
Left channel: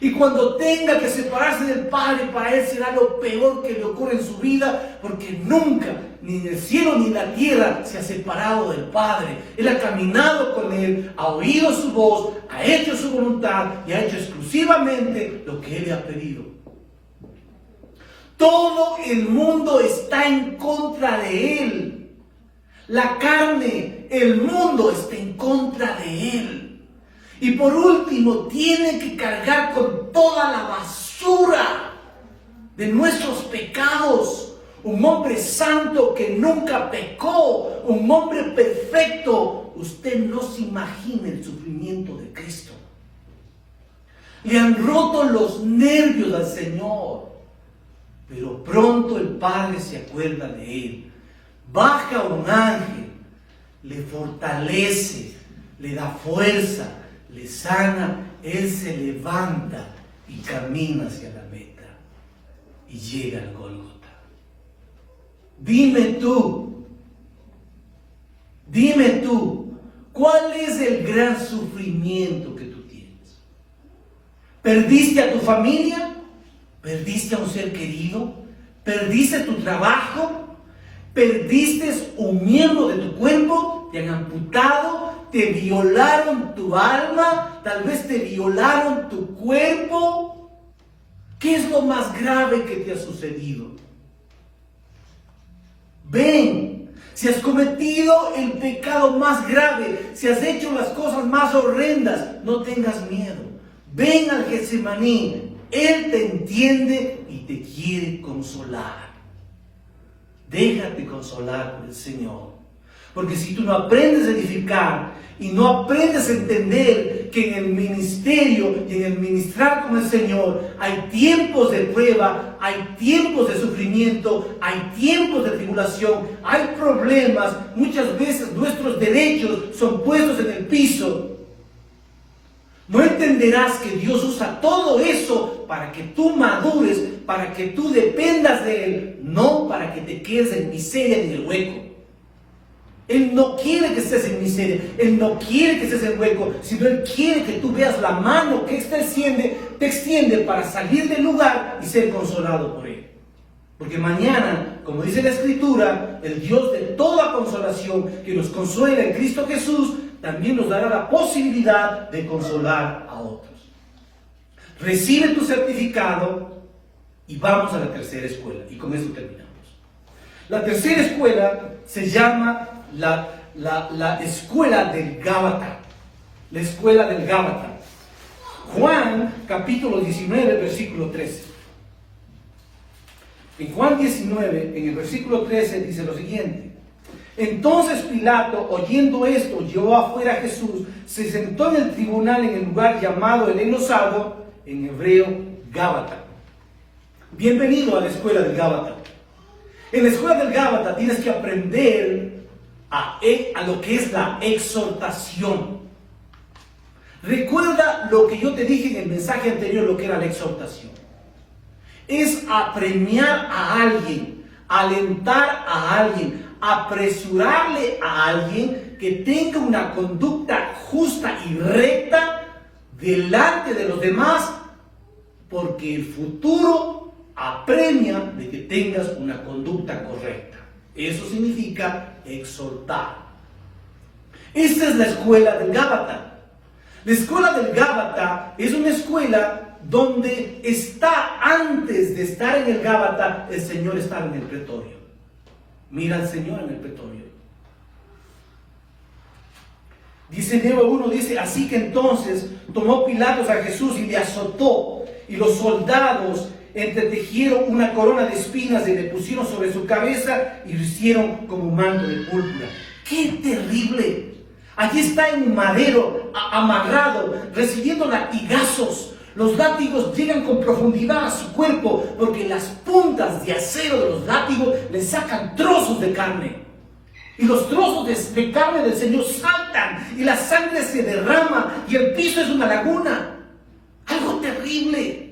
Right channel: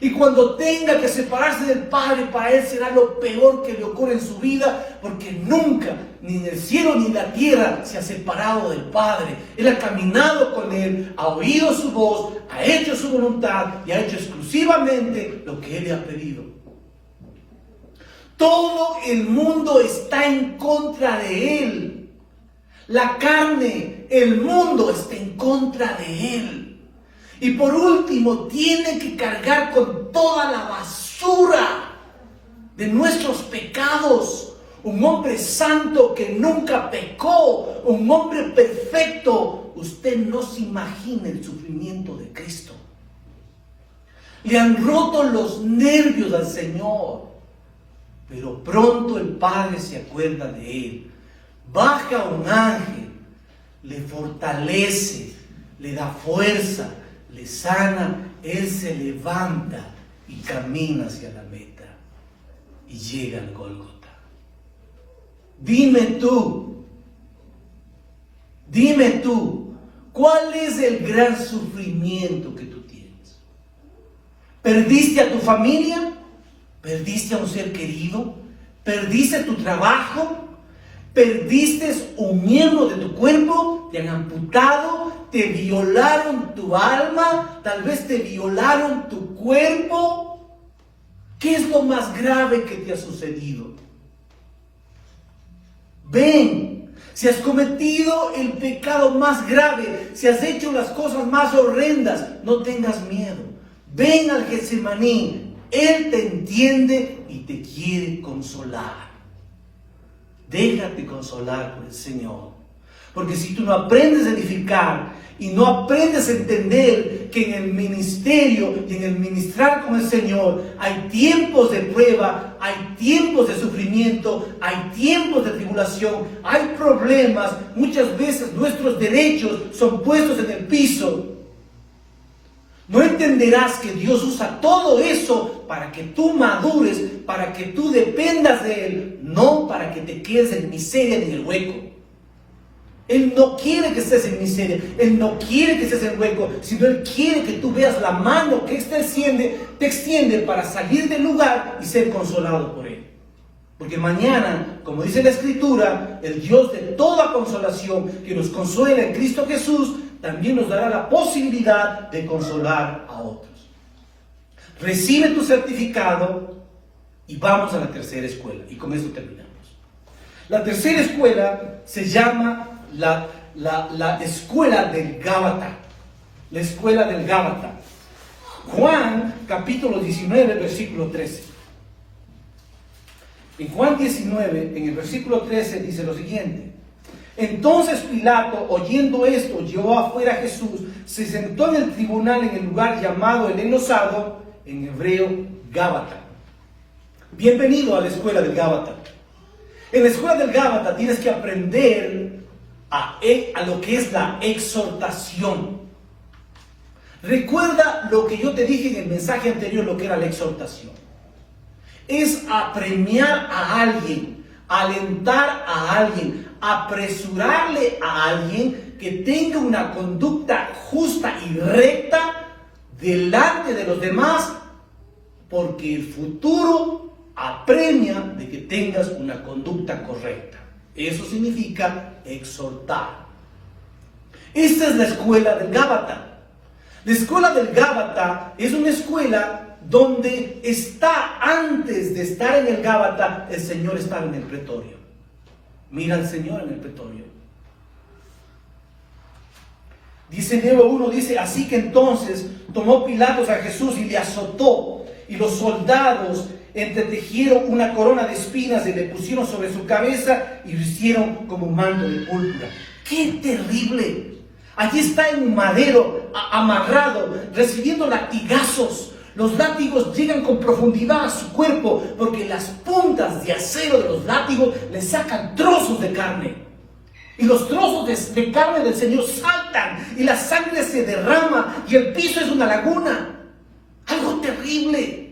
Y cuando tenga que separarse del Padre, para él será lo peor que le ocurre en su vida, porque nunca, ni en el cielo ni en la tierra, se ha separado del Padre. Él ha caminado con él, ha oído su voz, ha hecho su voluntad y ha hecho exclusivamente lo que él le ha pedido. Todo el mundo está en contra de él. La carne, el mundo está en contra de él. Y por último, tiene que cargar con toda la basura de nuestros pecados. Un hombre santo que nunca pecó, un hombre perfecto. Usted no se imagina el sufrimiento de Cristo. Le han roto los nervios al Señor. Pero pronto el Padre se acuerda de él. Baja un ángel, le fortalece, le da fuerza, le sana, él se levanta y camina hacia la meta y llega al Gólgota. Dime tú, ¿cuál es el gran sufrimiento que tú tienes? ¿Perdiste a tu familia? ¿Perdiste a un ser querido? ¿Perdiste tu trabajo? ¿Perdiste un miembro de tu cuerpo? ¿Te han amputado? ¿Te violaron tu alma? ¿Tal vez te violaron tu cuerpo? ¿Qué es lo más grave que te ha sucedido? Ven, si has cometido el pecado más grave, si has hecho las cosas más horrendas, no tengas miedo. Ven al Getsemaní, él te entiende y te quiere consolar. Déjate consolar por el Señor. Porque si tú no aprendes a edificar y no aprendes a entender que en el ministerio y en el ministrar con el Señor hay tiempos de prueba, hay tiempos de sufrimiento, hay tiempos de tribulación, hay problemas, muchas veces nuestros derechos son puestos en el piso. No entenderás que Dios usa todo eso para que tú madures, para que tú dependas de Él, no para que te quedes en miseria ni en el hueco. Él no quiere que estés en miseria, Él no quiere que estés en hueco, sino Él quiere que tú veas la mano que te extiende para salir del lugar y ser consolado por Él. Porque mañana, como dice la Escritura, el Dios de toda consolación, que nos consuela en Cristo Jesús, también nos dará la posibilidad de consolar a otros. Recibe tu certificado y vamos a la tercera escuela. Y con esto terminamos. La tercera escuela se llama la escuela del Gábata. La escuela del Gábata. Juan, capítulo 19, versículo 13. En Juan 19, en el versículo 13, dice lo siguiente. Entonces Pilato, oyendo esto, llevó afuera a Jesús, se sentó en el tribunal en el lugar llamado el Enosado, en hebreo Gábata. Bienvenido a la escuela del Gábata. En la escuela del Gábata tienes que aprender a lo que es la exhortación. Recuerda lo que yo te dije en el mensaje anterior, lo que era la exhortación. Es apremiar a alguien, alentar a alguien, apresurarle a alguien que tenga una conducta justa y recta delante de los demás, porque el futuro apremia de que tengas una conducta correcta. Eso significa exhortar. Esta es la escuela del Gábata. La escuela del Gábata es una escuela donde está, antes de estar en el Gábata, el Señor estaba en el pretorio. Mira al Señor en el pretorio. Dice Nehemías 1, dice, así que entonces tomó Pilatos a Jesús y le azotó, y los soldados entretejieron una corona de espinas y le pusieron sobre su cabeza y lo hicieron como manto de púrpura. ¡Qué terrible! Allí está en un madero, amarrado, recibiendo latigazos. Los látigos llegan con profundidad a su cuerpo porque las puntas de acero de los látigos le sacan trozos de carne. Y los trozos de carne del Señor saltan y la sangre se derrama y el piso es una laguna. Algo terrible.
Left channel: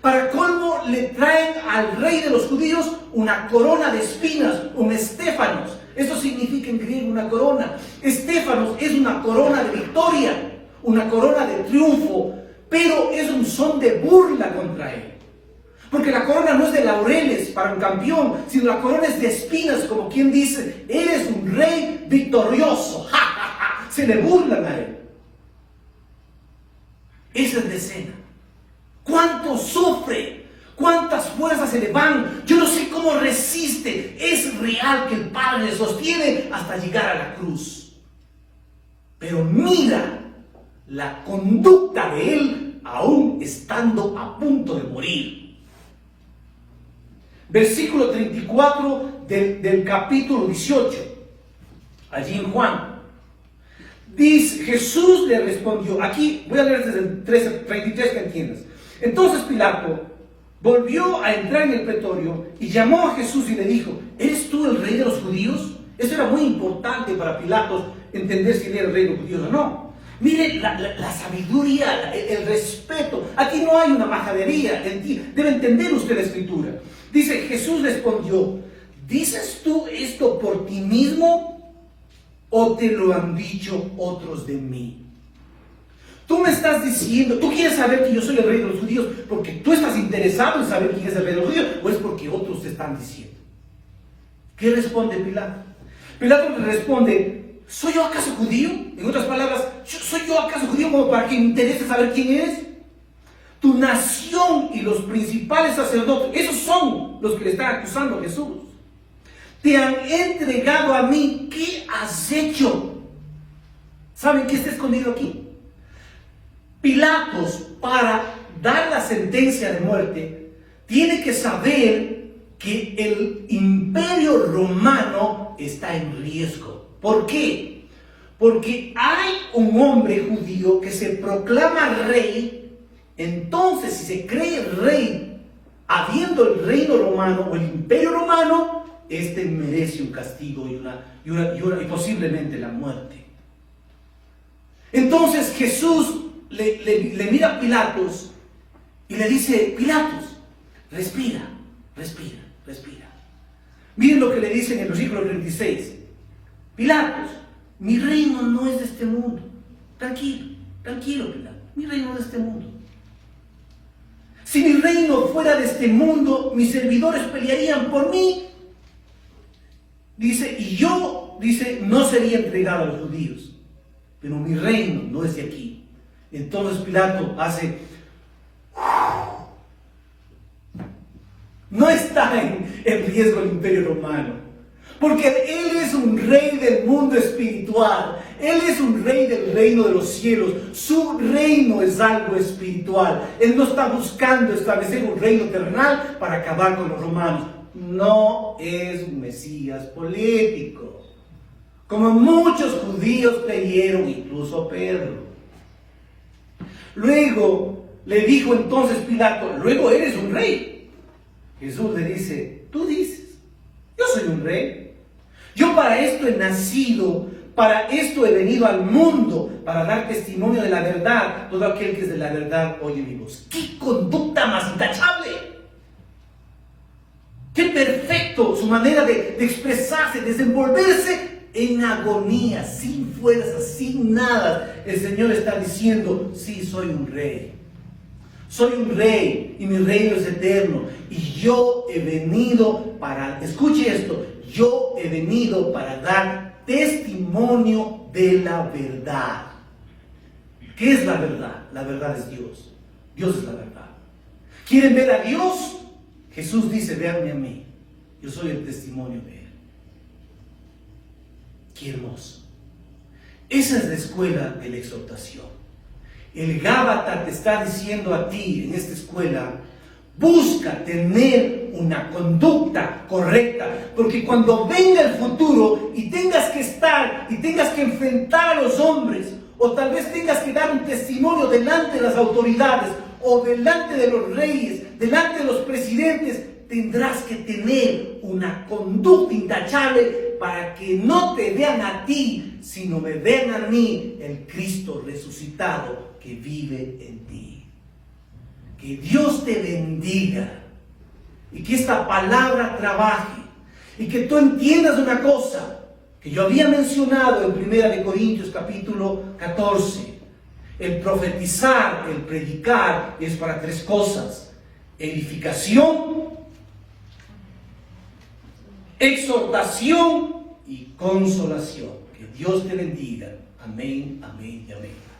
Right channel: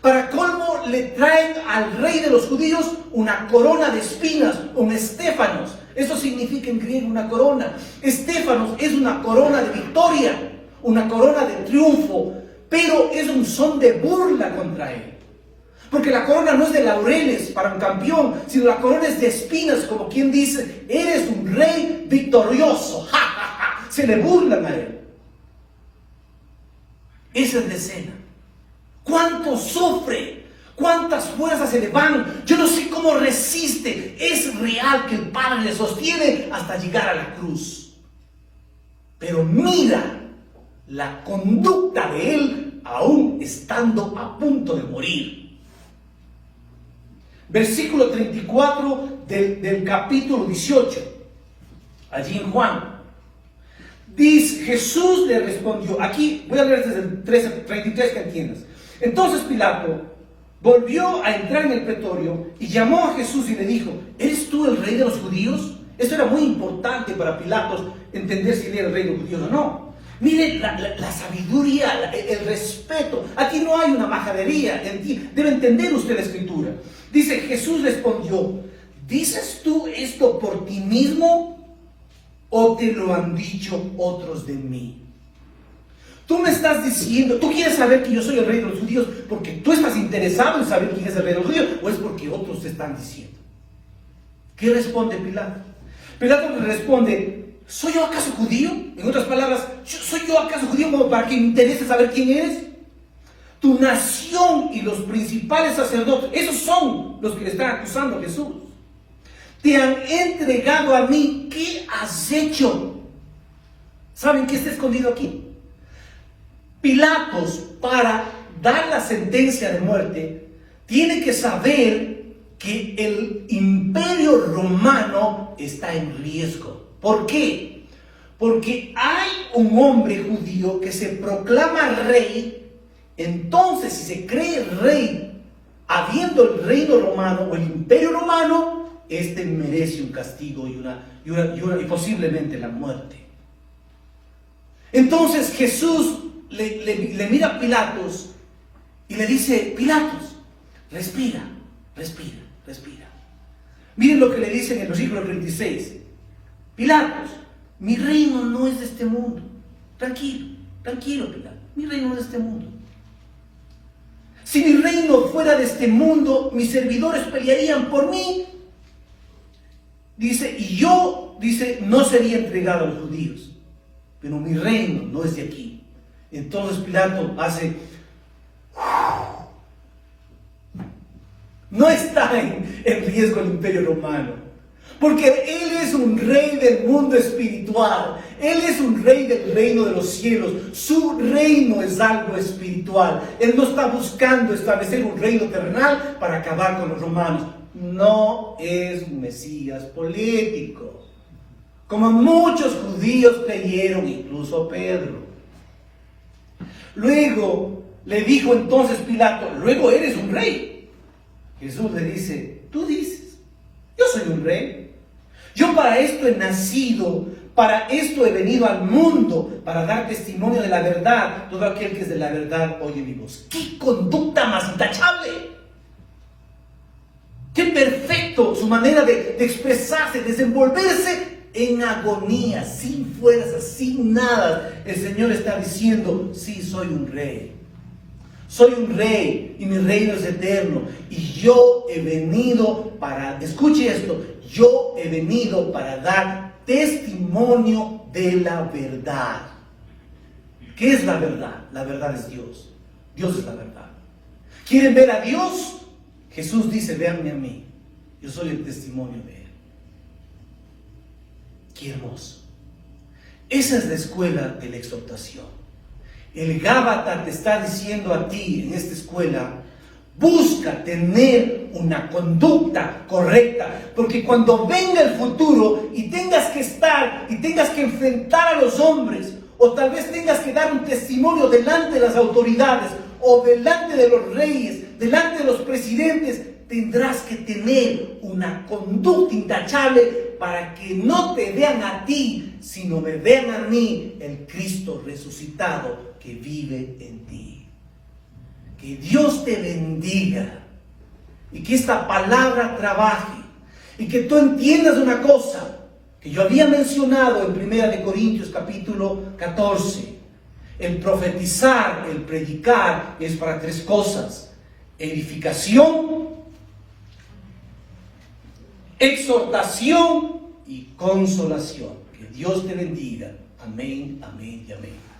Para colmo le traen al rey de los judíos una corona de espinas, un estéfanos. Eso significa en griego una corona. Estéfanos es una corona de victoria, una corona de triunfo, pero es un son de burla contra él. Porque la corona no es de laureles para un campeón, sino la corona es de espinas, como quien dice, eres un rey victorioso. ¡Ja, ja, ja! Se le burlan a él. Esa es la escena. ¿Cuánto sufre? ¿Cuántas fuerzas se le van? Yo no sé cómo resiste. Es real que el Padre le sostiene hasta llegar a la cruz. Pero mira la conducta de él aún estando a punto de morir. Versículo 34 del capítulo 18. Allí en Juan. Dice, Jesús le respondió. Aquí voy a leer desde el 33 que entiendas. Entonces Pilato volvió a entrar en el pretorio y llamó a Jesús y le dijo, ¿eres tú el rey de los judíos? Eso era muy importante para Pilatos, entender si era el rey de los judíos o no. Mire la sabiduría, el respeto. Aquí no hay una majadería. Debe entender usted la escritura. Dice, Jesús respondió, ¿dices tú esto por ti mismo o te lo han dicho otros de mí? Tú me estás diciendo, tú quieres saber que yo soy el rey de los judíos porque tú estás interesado en saber quién es el rey de los judíos, o es porque otros te están diciendo. ¿Qué responde Pilato? Pilato le responde, ¿soy yo acaso judío? En otras palabras, ¿soy yo acaso judío como para que me interese saber quién eres? Tu nación y los principales sacerdotes, esos son los que le están acusando a Jesús. Te han entregado a mí, ¿qué has hecho? ¿Saben qué está escondido aquí? Pilatos, para dar la sentencia de muerte, tiene que saber que el imperio romano está en riesgo. ¿Por qué? Porque hay un hombre judío que se proclama rey. Entonces, si se cree rey, habiendo el reino romano o el imperio romano, este merece un castigo y posiblemente la muerte. Entonces Jesús le mira a Pilatos y le dice: Pilatos, respira, respira, respira. Miren lo que le dice en el versículo 36. Pilatos, mi reino no es de este mundo. Tranquilo, tranquilo, Pilatos, mi reino no es de este mundo. Si mi reino fuera de este mundo, mis servidores pelearían por mí. Dice, y yo, dice, no sería entregado a los judíos. Pero mi reino no es de aquí. Entonces Pilato hace... No está en riesgo el imperio romano. Porque él es un rey del mundo espiritual. Él es un rey del reino de los cielos. Su reino es algo espiritual. Él no está buscando establecer un reino terrenal para acabar con los romanos. No es un Mesías político. Como muchos judíos creyeron, incluso Pedro. Luego le dijo entonces Pilato: luego eres un rey. Jesús le dice: tú dices, yo soy un rey. Yo para esto he nacido, para esto he venido al mundo, para dar testimonio de la verdad. Todo aquel que es de la verdad oye mi voz. ¡Qué conducta más intachable! ¡Qué perfecto su manera de expresarse, desenvolverse en agonía, sin fuerzas, sin nada! El Señor está diciendo: sí, soy un rey. Soy un rey y mi reino es eterno. Y yo he venido para, escuche esto, yo he venido para dar testimonio de la verdad. ¿Qué es la verdad? La verdad es Dios. Dios es la verdad. ¿Quieren ver a Dios? Jesús dice: véanme a mí. Yo soy el testimonio de Él. Qué hermoso. Esa es la escuela de la exhortación. El Gábata te está diciendo a ti en esta escuela: busca tener una conducta correcta, porque cuando venga el futuro y tengas que estar y tengas que enfrentar a los hombres, o tal vez tengas que dar un testimonio delante de las autoridades, o delante de los reyes, delante de los presidentes, tendrás que tener una conducta intachable para que no te vean a ti, sino me vean a mí, el Cristo resucitado que vive en ti. Que Dios te bendiga y que esta palabra trabaje y que tú entiendas una cosa que yo había mencionado en 1 Corintios capítulo 14. El profetizar, el predicar es para tres cosas: edificación, exhortación y consolación. Que Dios te bendiga. Amén, amén y amén.